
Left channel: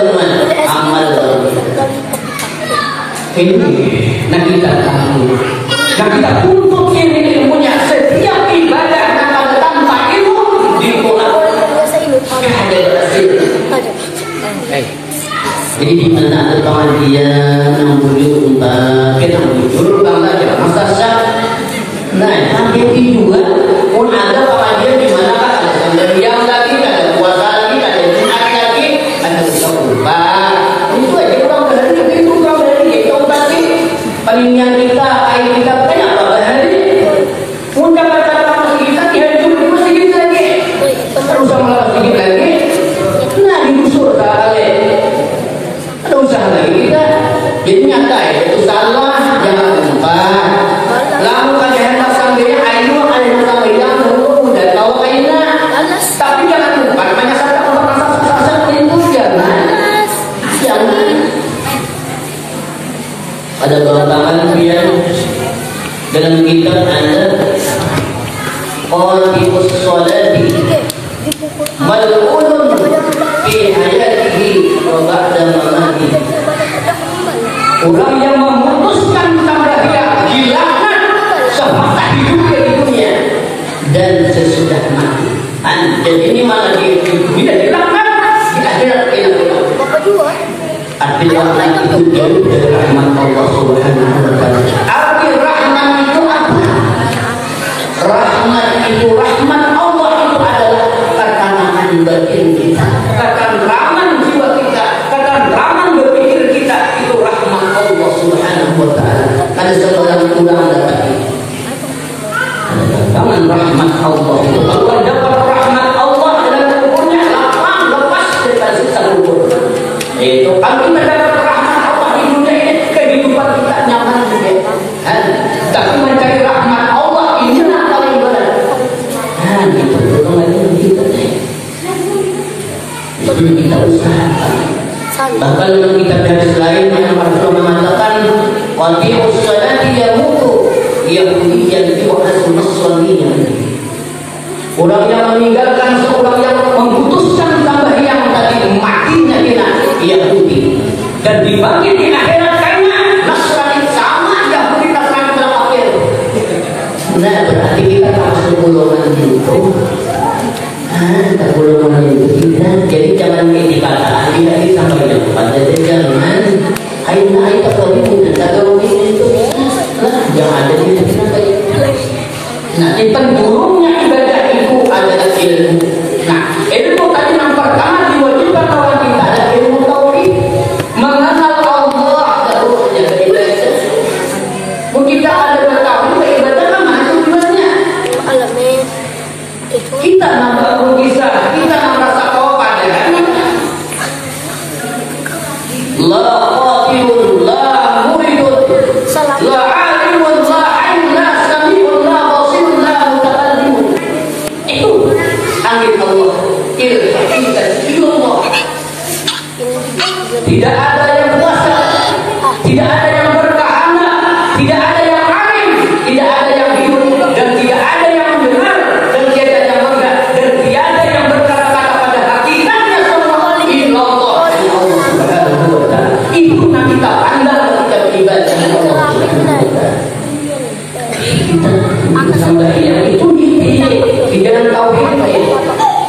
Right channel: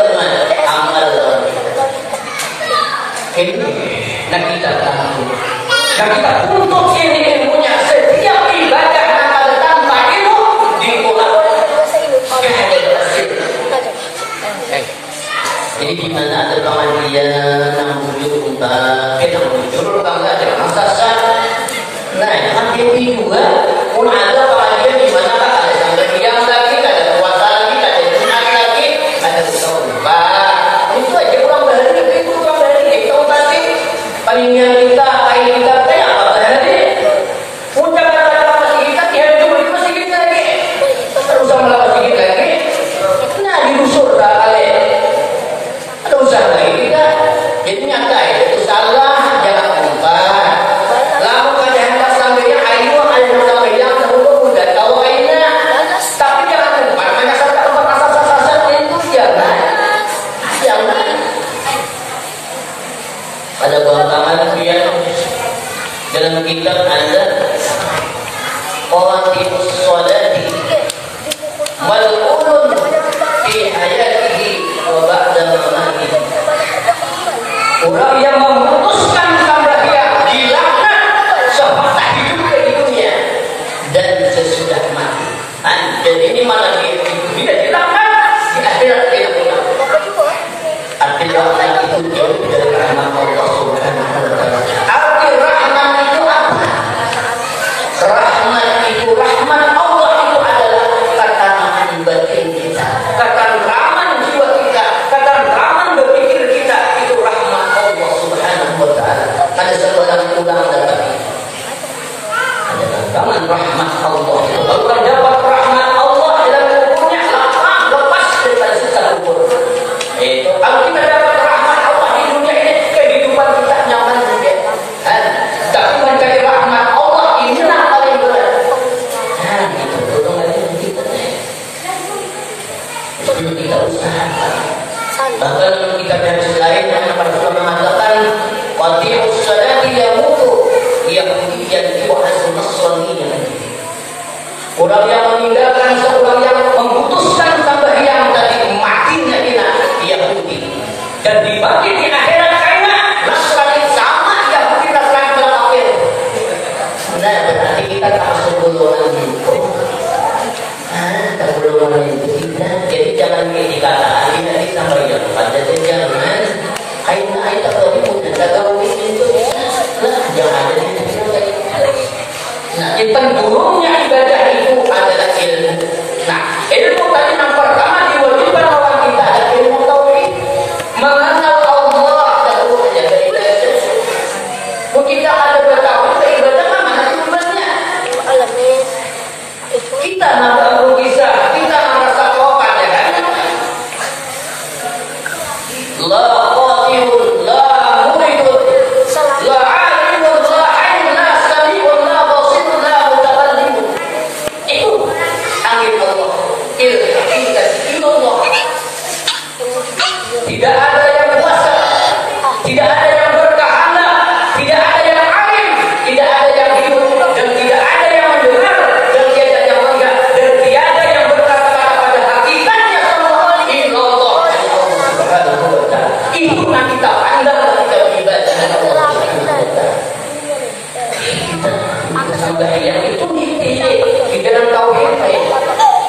amal. Ini, nah kita tahu, nah kita untuk ini ilmunya. Setiap ibadah kalau tanpa ilmu dimulai ada hasil. Jadi di mana ada pengajian yang bujur unta, Kita bujur unta saja, masa sah. nah sampai juga pun ada pengajian di mana ada Yang lagi, ada puasa lagi, ada Jumat lagi, ada buka unta. itu aja kurang dari itu kurang dari itu pasti palingnya kita kayak kita kayak apa hari Puncak kata-kata kita dihancur itu sedikit lagi. Terus sama sedikit lagi. nah digusur tak kali Ada usaha lagi kita. jadi nyata itu salah jangan lupa Lalu pada hendak sampai ayu sampai yang terlalu udah tahu kayaknya. Tapi jangan lupa banyak kata tempat masa itu jangan pada bawaan dia dalam kitab ada qati'us sholati mal'unun fi hayatihi wa ba'da mamatihi. Orang yang memutuskan sembahyang dilaknat semasa hidupnya di dunia dan sesudah mati. Dan ini malah di tidak dilaknat di akhirat dia pulang. artinya orang itu jauh dari rahmat Allah Subhanahu wa taala. Arti rahmat itu apa? Rahmat itu rahmat Allah itu adalah ketenangan batin kita. Ketentraman jiwa kita, ketentraman berpikir kita, itu rahmat Allah Subhanahu wa taala. Ada seorang tulang datang. Ada ketenangan rahmat Allah. Kalau dapat rahmat Allah dalam kuburnya, lepas daripada siksa kubur. Itu Kalau kita dapat rahmat Allah di dunia ini, kehidupan kita nyaman juga. Tapi mencari rahmat Allah ini yang paling berat. itu tolong lagi kita. Itu kita usahakan. Bahkan kita dari lain yang Rasulullah mengatakan qati'us sholati yamutu yahudiyan wa nasraniyan. Orang yang meninggalkan seorang yang memutuskan sembahyang tadi matinya kita Yahudi dan dibagi di akhirat karena Nasrani sama Yahudi Nasrani kafir. Nah berarti kita termasuk golongan itu. Tak golongan itu kita. Jadi jangan dikatakan kita sampai yang pada jangan. Ayo tak tahu kita tahu itu. Lah jangan ada di kita. Nah, penghulunya ibadah itu adalah ilmu. Nah, ilmu tadi yang pertama diwajibkan orang kita adalah ilmu tauhid, mengenal Allah dahulu saja beribadah. Kita ada bertauhid beribadah mana tujuannya? Kita nambah bisa, kita merasa kepadanya. La qatirun la muridun la alimun la hayyun la sami'un la basirun la mutakallimun. Itu angin Allah. Ilmu Tidak ada yang kuasa, tidak ada yang berkehendak, tidak ada yang alim, tidak ada yang hidup, dan tidak ada yang mendengar, dan tiada yang mendengar, dan tiada yang berkata-kata pada hakikatnya semua illallah Allah Subhanahu wa taala. Itu yang kita pandang ketika beribadah Allah Subhanahu wa taala. Kita sembahyang itu di dalam tauhid.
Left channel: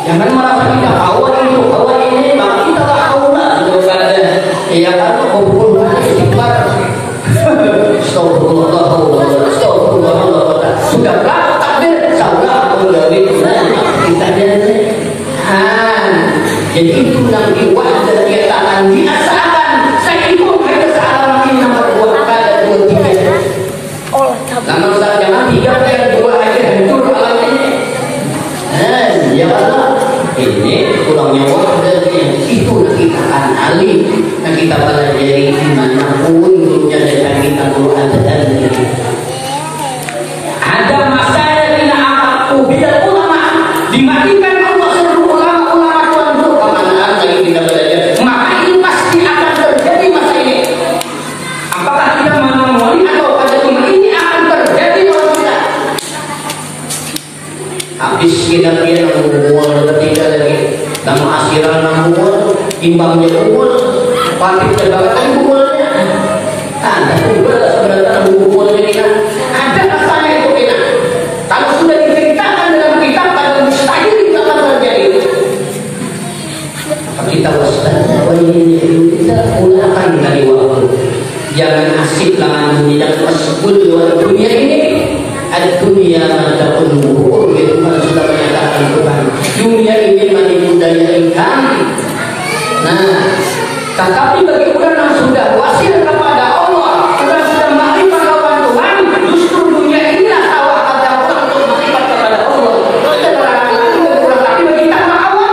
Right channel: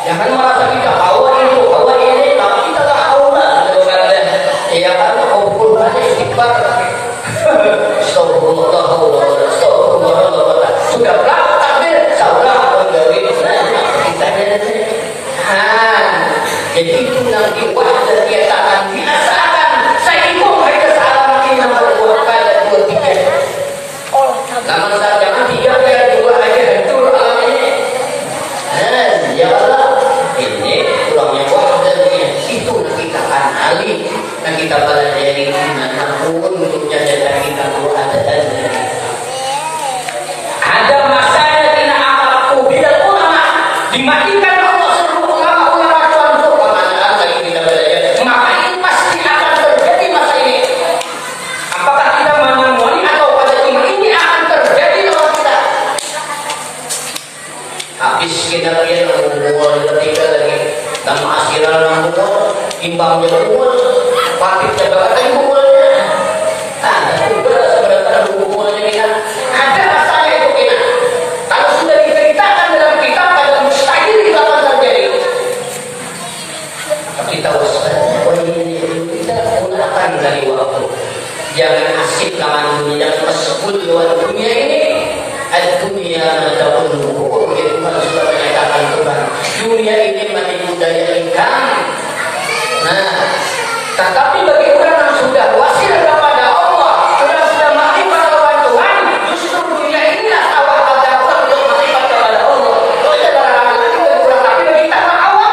Jangan merasa kita hawa ini, tapi kita tak hawa daripada ya kan kumpul istighfar. Astagfirullah, astagfirullah. Sudah berapa takbir? Saudara dari kita jadi itu yang dibuat dan dia takkan biasakan. Saya itu kesalahan ini nomor 2 kali 2 3. Namun jangan 3 kali 2 aja hancur alam ini. ya Allah. Ini kurangnya waktu yang itu kita kenali dan kita pelajari dimanapun dan kita berada ada masalah kena amalku bidat ulama dimatikan Allah seluruh ulama-ulama tuan kemana lagi kita belajar, maka ini pasti akan terjadi masa ini. Apakah kita menemui atau pada ini akan terjadi dalam kita? habis kita ngomong ketika lagi tamu asiran ngomong imbangnya ngomong pamit jabatan ngomongnya Ada seberapa buku ini kan? Ada masanya itu enak. Kalau sudah diceritakan dalam kitab pada mustahil itu akan terjadi. Kita waspada, kita gunakan dari waktu. Jangan asik dengan dunia tersebut luar dunia ini. Dunia madaun buhur, itu sudah menyatakan Tuhan. Dunia ini menipu daya ikan. Nah, tetapi bagi orang yang sudah wasil kepada Allah, orang sudah makrifat kepada Tuhan, justru dunia inilah awal ada orang untuk makrifat kepada Allah. Tapi bagi kita awal,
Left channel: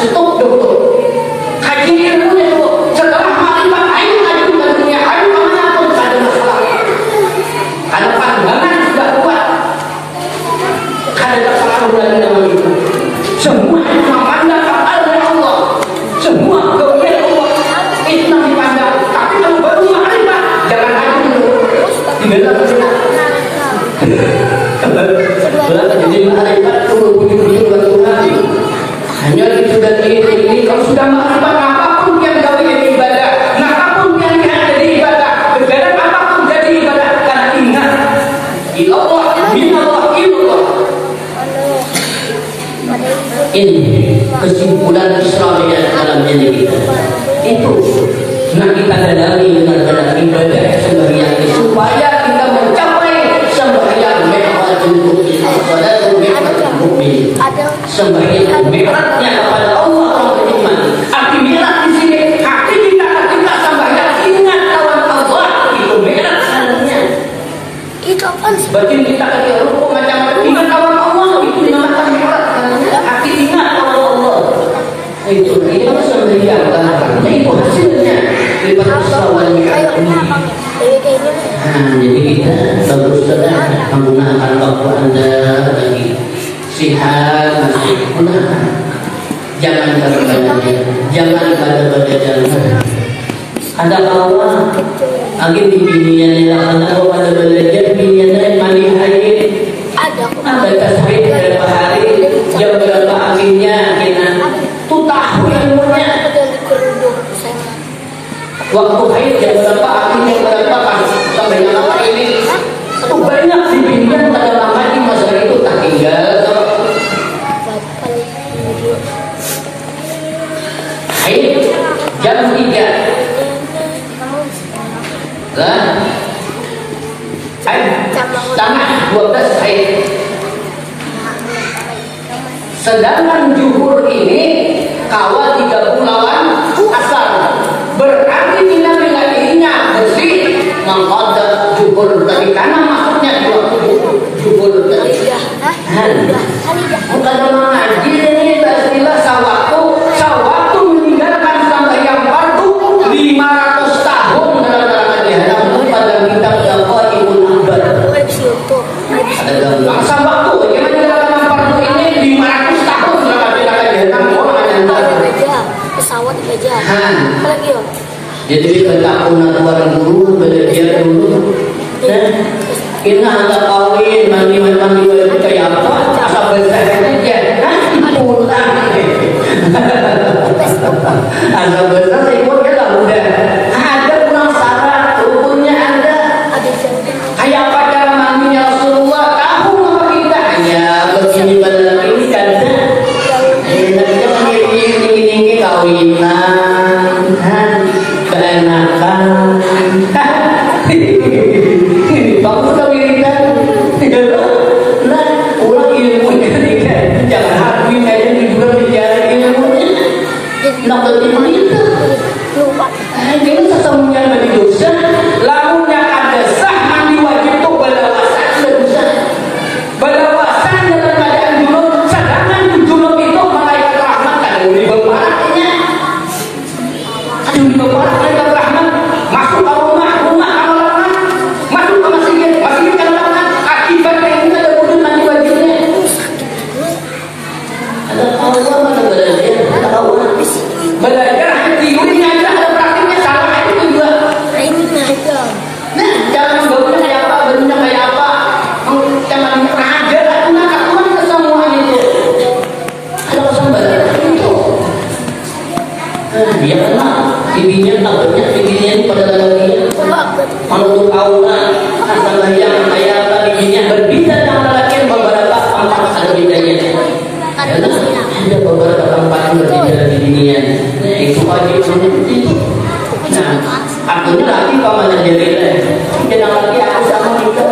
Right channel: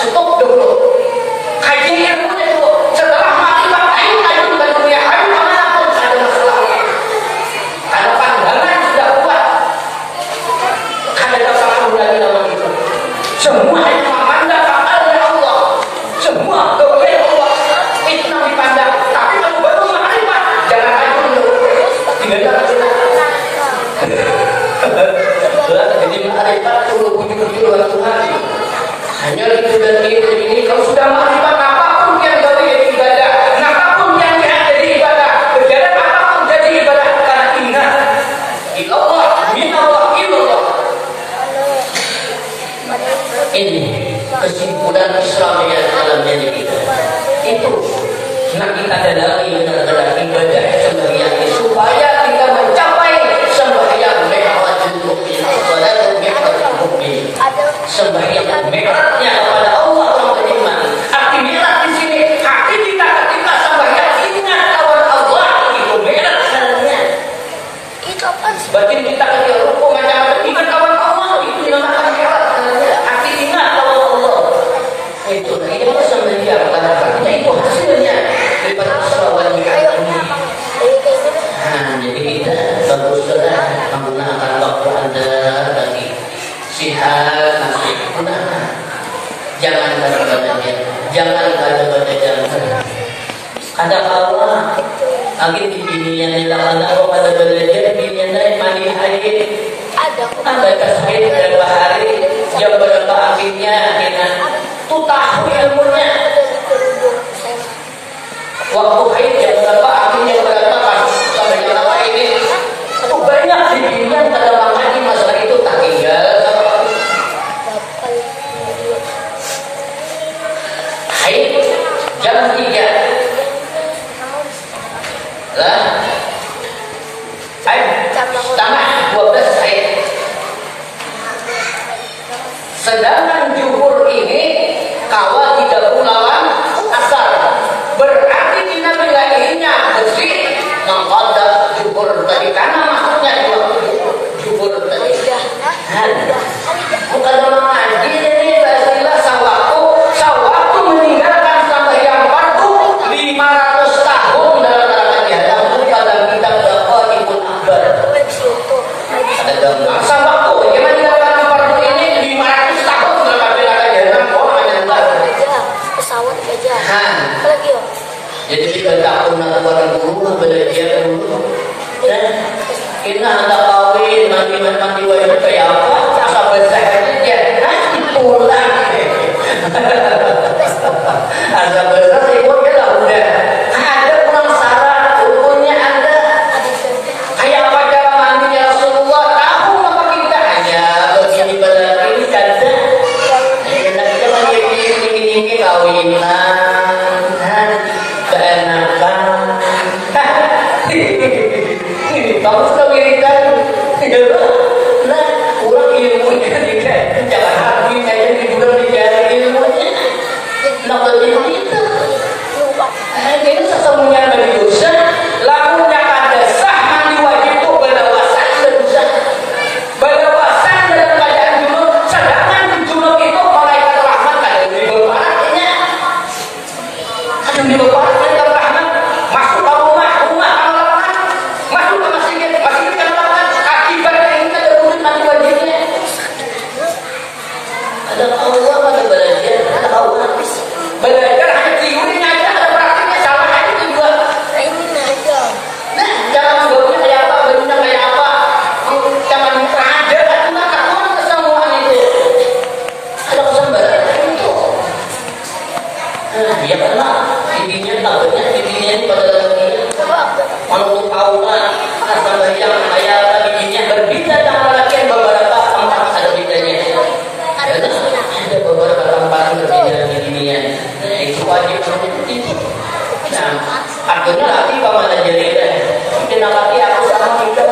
stop dulu. Kaji ilmunya dulu. Setelah makrifat, ayo ke dunia, ayo kemanapun ada masalah. Karena pandangan sudah kuat, ada kesalahan lagi dalam itu. Semua itu memandang oleh Allah. Semua kemuliaan Allah itu yang dipandang. Tapi kalau baru makrifat, jangan hanya dulu. Tinggal kita. Jadi makrifat dulu puji-puji Tuhan. Hanya itu dan ini kalau sudah makrifat apapun yang jadi ibadah, apapun yang jadi ibadah, kegiatan apapun jadi ibadah. Karena ingat, ilallah, minallah, ilallah. Ini kesimpulan Isra Mi'raj dalam diri kita. Itu nak kita dalami benar-benar ibadah sembahyang itu supaya kita mencapai sembahyang mi'rajul mu'min, salatul mi'rajul mu'min. Sembahyang mi'rajnya kepada Allah orang beriman. Arti mi'raj di sini hati kita ketika sembahyang ingat lawan Allah, itu mi'raj artinya. Itu kan batin kita ketika rukuk macam-macam ingat lawan Allah, itu dinamakan mi'raj. Hati ingat lawan Allah. Itu sembahyang kan. Itu hasilnya daripada Isra Mi'raj ini. Jadi kita berusaha menggunakan waktu Anda lagi sihat masih gunakan. Jangan belajar, jangan belajar. Ada Allah lagi di dunia ni lah. Ada pada belajar dunia ni mandi hari. Ada tasbih berapa hari, jam berapa akhirnya kita tu tahu ilmunya. Waktu haid jam berapa, akhirnya berapa pas sampai yang apa ini. Itu banyak dibimbingan pada lama di masalah itu tak tinggal. Haid jam 3. Lah. Haid setengah 12 haid. Sedangkan zuhur ini kawal tidak lawan asar. Berarti kita wilayahnya bersih mengqadha zuhur tadi karena maksudnya di waktu zuhur tadi. Bukan mengaji ini istilah sawatu meninggalkan sembahyang fardu 500 tahun dalam rangka namun pada kitab Daqaiqul Akbar. Ada dalam sawatu bagaimana meninggalkan fardu ini 500 tahun dalam rangka jahanam orang yang pesawat aja. Jadi kita pun nak buat guru belajar dulu. Kita hendak kawin mandi itu kayak apa? Asal besar aja. Pulang. Asal besar ikut ya lah udah. Ada pulang syarat rukunnya ada. Kayak apa cara mandinya Rasulullah? Tahu apa kita hanya begini benar ini kan? Kita kan ini kawinan. Berenakan. Bagus tak wiridan? Nah, ulang ilmunya jangan habis aja di bulan dicari ilmunya. Nak begini itu. Ini sesemuanya bagi dosa. Lamunnya ada sah mandi wajib itu belawasan dan dosa. Belawasan dalam keadaan junub. Sedangkan junub itu malaikat rahmat ada di bawahnya. Ada di bawah malaikat rahmat. Masuk ke rumah orang masuk ke masjid kan orang akibatnya ini ada wujud mandi wajibnya. Ada Allah ada belajar, ada Allah belajar teorinya aja ada praktiknya salah itu juga. Ini aja. Nah cara menggaulnya kayak apa, bentuknya kayak apa, zaman ada aturan semua itu. Ada pesan belajar itu. Dia pernah bibinya tahunya bibinya pada dalam dia. menurut Allah adalah yang kaya tadinya berbeda dengan lelaki beberapa tempat ada bedanya. Ada beberapa tempat berbeda di dunia. Itu wajib menuruti. Nah, artinya laki pamanah jadi jangan laki aku sama kita.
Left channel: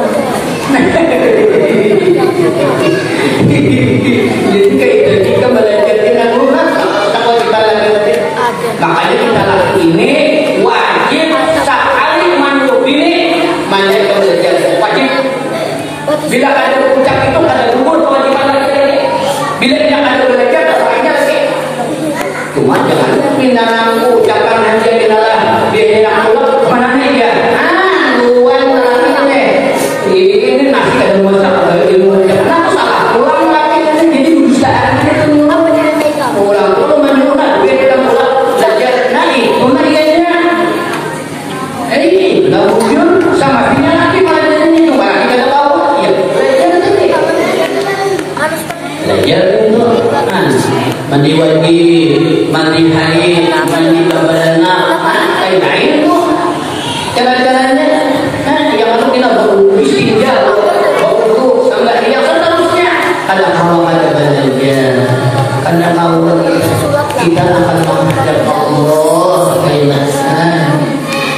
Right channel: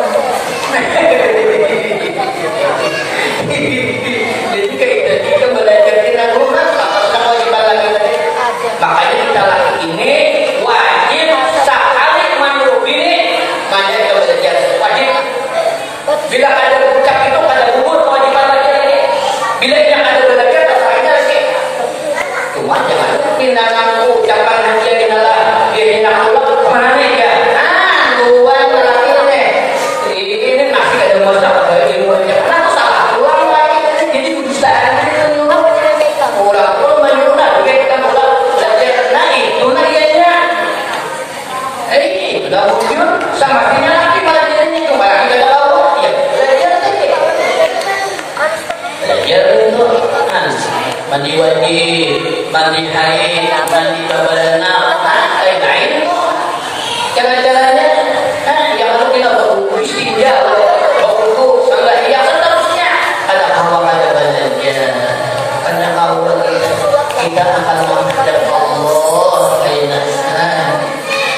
Jadi kita belajar kita lunas kewajiban laki-laki. Makanya kita laki ini wajib sekali mandubini mandiri belajar wajib. Bila ada ucap itu ada gugur kewajiban laki-laki. Bila tidak ada belajar terserahnya lagi. Cuma jangan pindah nangku ucapan hanya inilah dia hilang pulang kemana nih ya? Luan lagi nih. Ini masih ada masalah dari mulai karena salah pulang lagi jadi bisa ini pulang menyuruh kita pulang belajar naik mana dia nggak mungkin sama dia lagi malah jadi cuma kita tahu ya belajar itu mandi wajib mandi haid mandi babalana kayak lain itu cara-caranya yang harus kita beristinja berwudu sampai dia seterusnya ada Allah ada badannya karena Allah kita akan menghadap Allah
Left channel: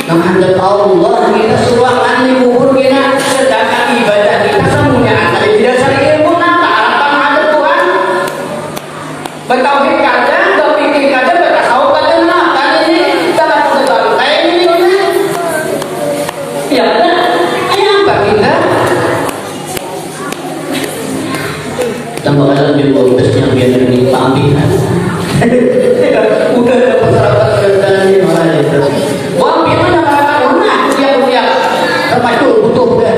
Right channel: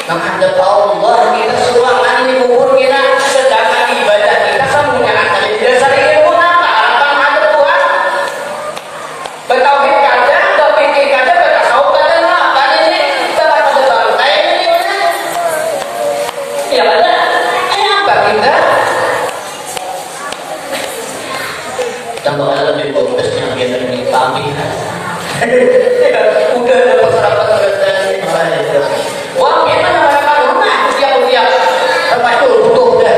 menghadap Allah kita sulangan di kubur kita sedangkan ibadah kita semuanya ada di dasar ilmu harapan ada Tuhan bertauhid kadang berpikir kadang bertasawuf kadang apa ini jangan pada lain ini ya ada apa kita tambah ada lebih bagusnya biar lebih pamihan udah dapat sarapan dari orang itu wah kita masyarakat rumah tiap-tiap tempat itu butuh udah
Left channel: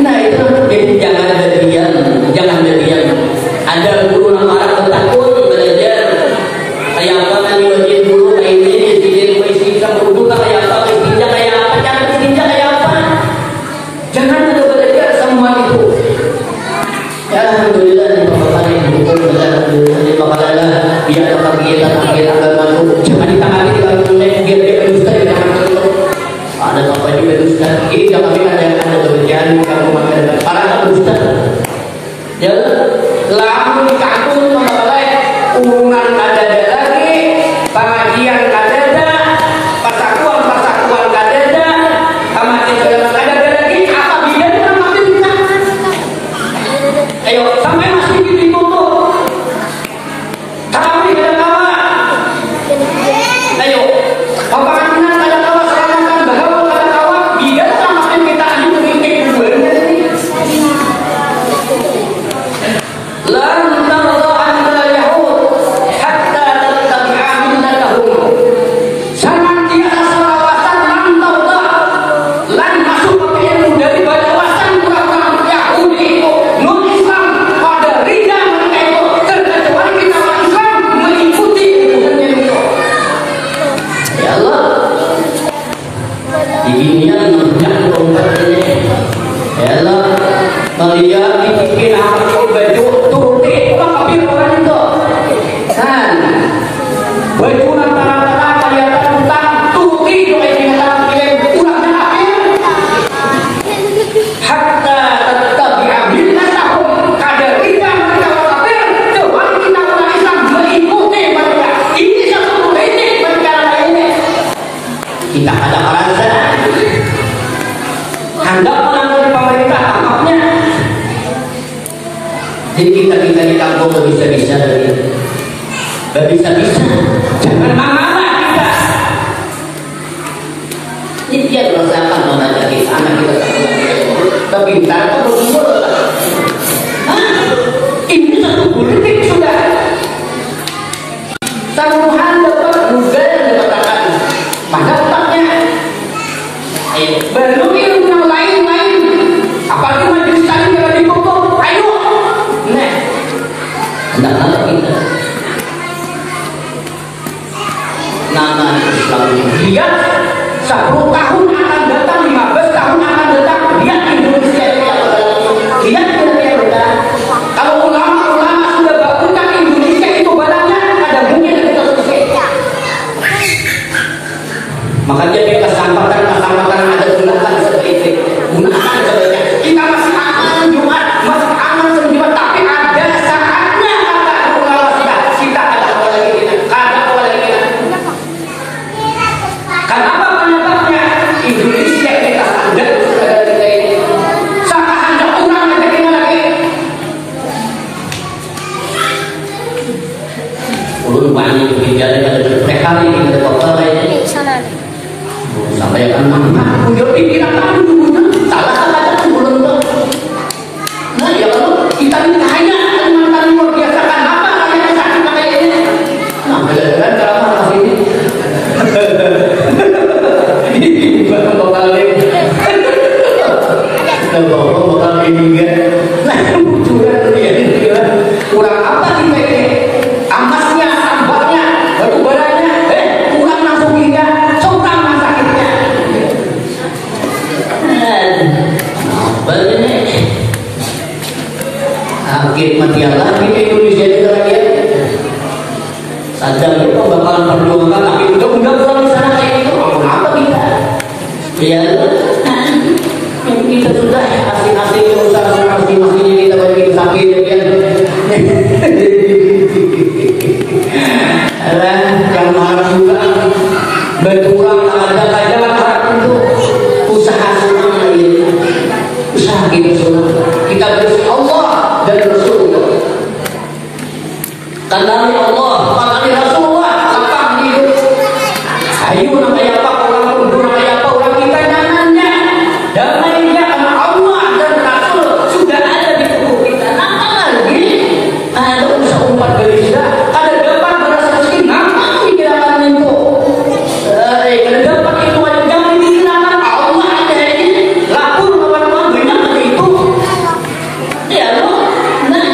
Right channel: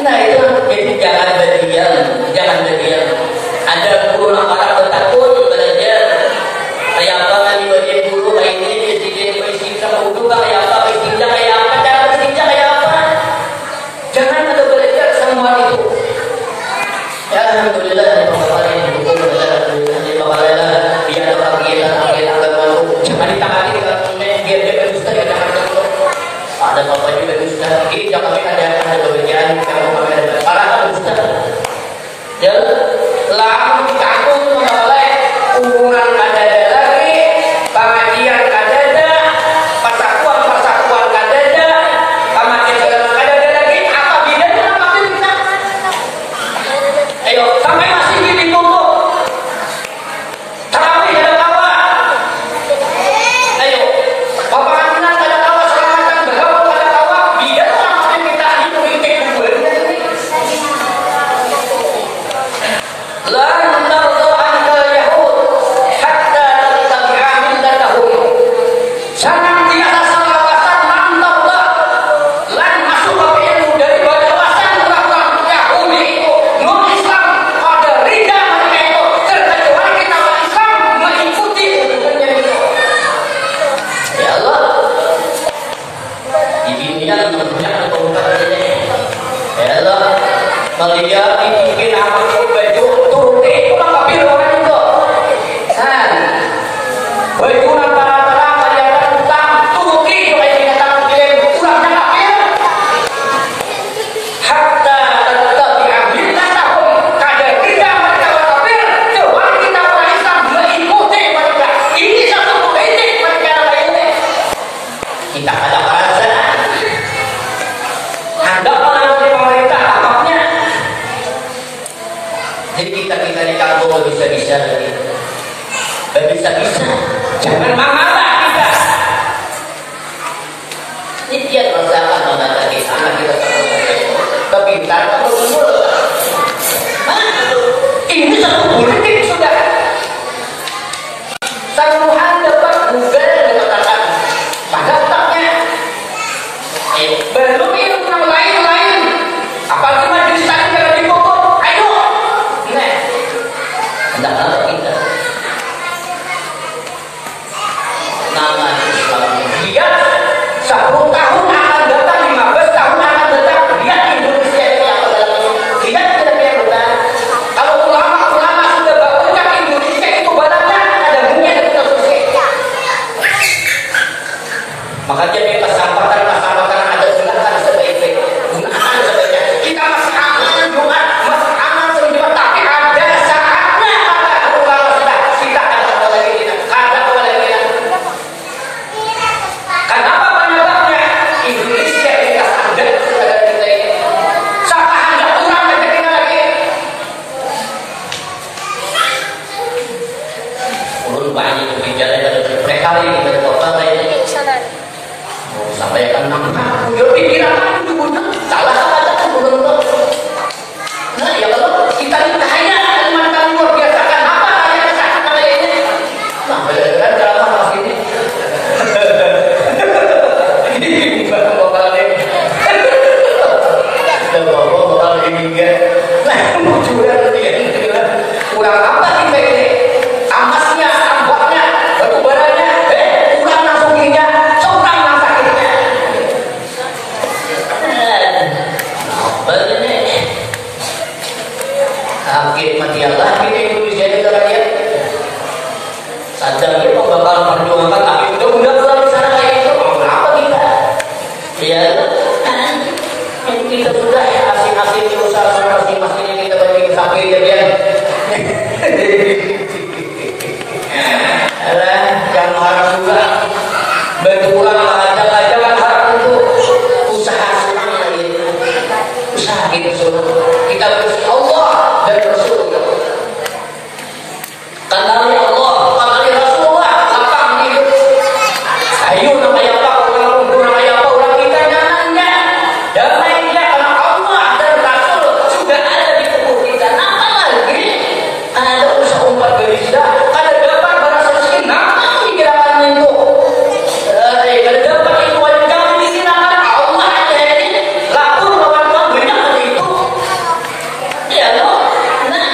nah itu jadi jangan berdiam ada guru orang bertakun belajar kayak apa nanti wajib guru kayak ini jadi berisi sama guru kayak apa berisi kayak apa cara berisi kayak apa jangan ada belajar semua itu ya alhamdulillah bapak yang dukung alhamdulillah dia ada kegiatan agama jangan ditangani kita punya biar dia berdusta ya jangan terus ada bapak juga berdusta ini jangan ada pekerjaan kalau ada para berdusta ya langsung dikagum oleh urunan ada lagi pengajian ada persatuan ada kematian ada lagi apa bedanya sama kita ayo sampai masih ditutup tarawih ada kawa ayo pembangunan ada kawa selamatan bahwa ada kawa beda sama kita ini mikir buahnya lan tarda anka yahud hatta tattabi'a millatahum sangat tiada salawatan lan tarda lan masuk ke ilmu daripada wasan orang Yahudi itu non Islam pada rida mereka itu terkecuali kita orang Islam mengikuti hukumnya itu ya Allah di dunia punya tempat ini ya Allah melihat bikin apa baju turuti pulang kafir orang itu kan baju antara kelihatan utang turuti kayak binatang kirim ulangnya kafir hatta tattabi'a millatahum kadar kita mereka kafir kecuali kita orang Islam mengikuti mereka ini satu politik mereka lainnya kita ada merasa hendak dari pemerintah tampaknya jadi kita di kampung bisa-bisa jangan mengalah kita ini dia merasakan mengalah kita anak kita kepintar atau betul ini satu politik sudah Tuhan dapat Google mengatakan pada otaknya belum ilmu yang lain-lain apalagi majelis tadi jangan dipokok ayo tidak ada kita nama Islam dia 10 tahun akan datang 15 tahun akan datang lihat Indonesia lihat tidak benar kalau ulama sudah berucap Indonesia itu badannya ada bunyi turun banyak kebijakan ada prekari ada apa lain. Sampai kan udah pikir apa itu salah kata belum tahu. Nah ya kalau kita ditanya Kalimantan luar biasa kan apa tanya sakit kayaknya. Nah benar-benar drama mas ini. Bukan lokal ini. Dan lokal ini kan. Nah curang dia kurang apa kita ini? Amasnya, ambaknya, batu baranya, kurang langsung dia, seorang yang sakitnya. Apa ini? Akhir mati Allah di Indonesia itu rakyat. Sadar kita bakalan perjuangan, tapi udah pulang di sana kayak itu, apa kita? Ya, kita sudah asing-asing usaha masing-masing kita bagi sakit ya. Yang harus juga berkurang ajak-ajak harus untuk usaha surang lagi, usaha kita surang kita bersih Allah dan Rasulullah. Kanali Allah, kanali Rasulullah, lapang hidup. Ayo namanya apa orang kumpul namanya apa orang kita namanya damai karena Allah dan Rasul sudah ada di tubuh kita. Apa lagi? Ada usaha umat gereja, ada depan bahasa sini, nama dikirakan itu. Kalau dapat itu jangan dikirakan Allah ada ini lapor lawan benar itu. Ya loh, nah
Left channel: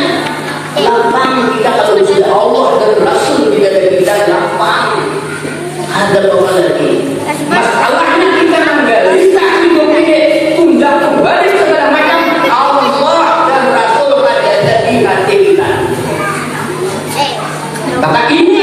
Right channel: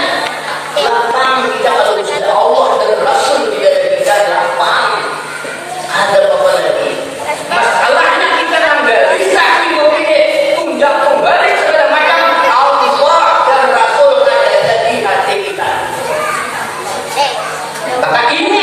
lapang kita kalau sudah Allah dan Rasul tidak ada kita lapang. Ada apa lagi? Masalahnya kita menggali saksi begini, tunjang kembali segala macam Allah dan Rasul ada di hati kita. Maka ini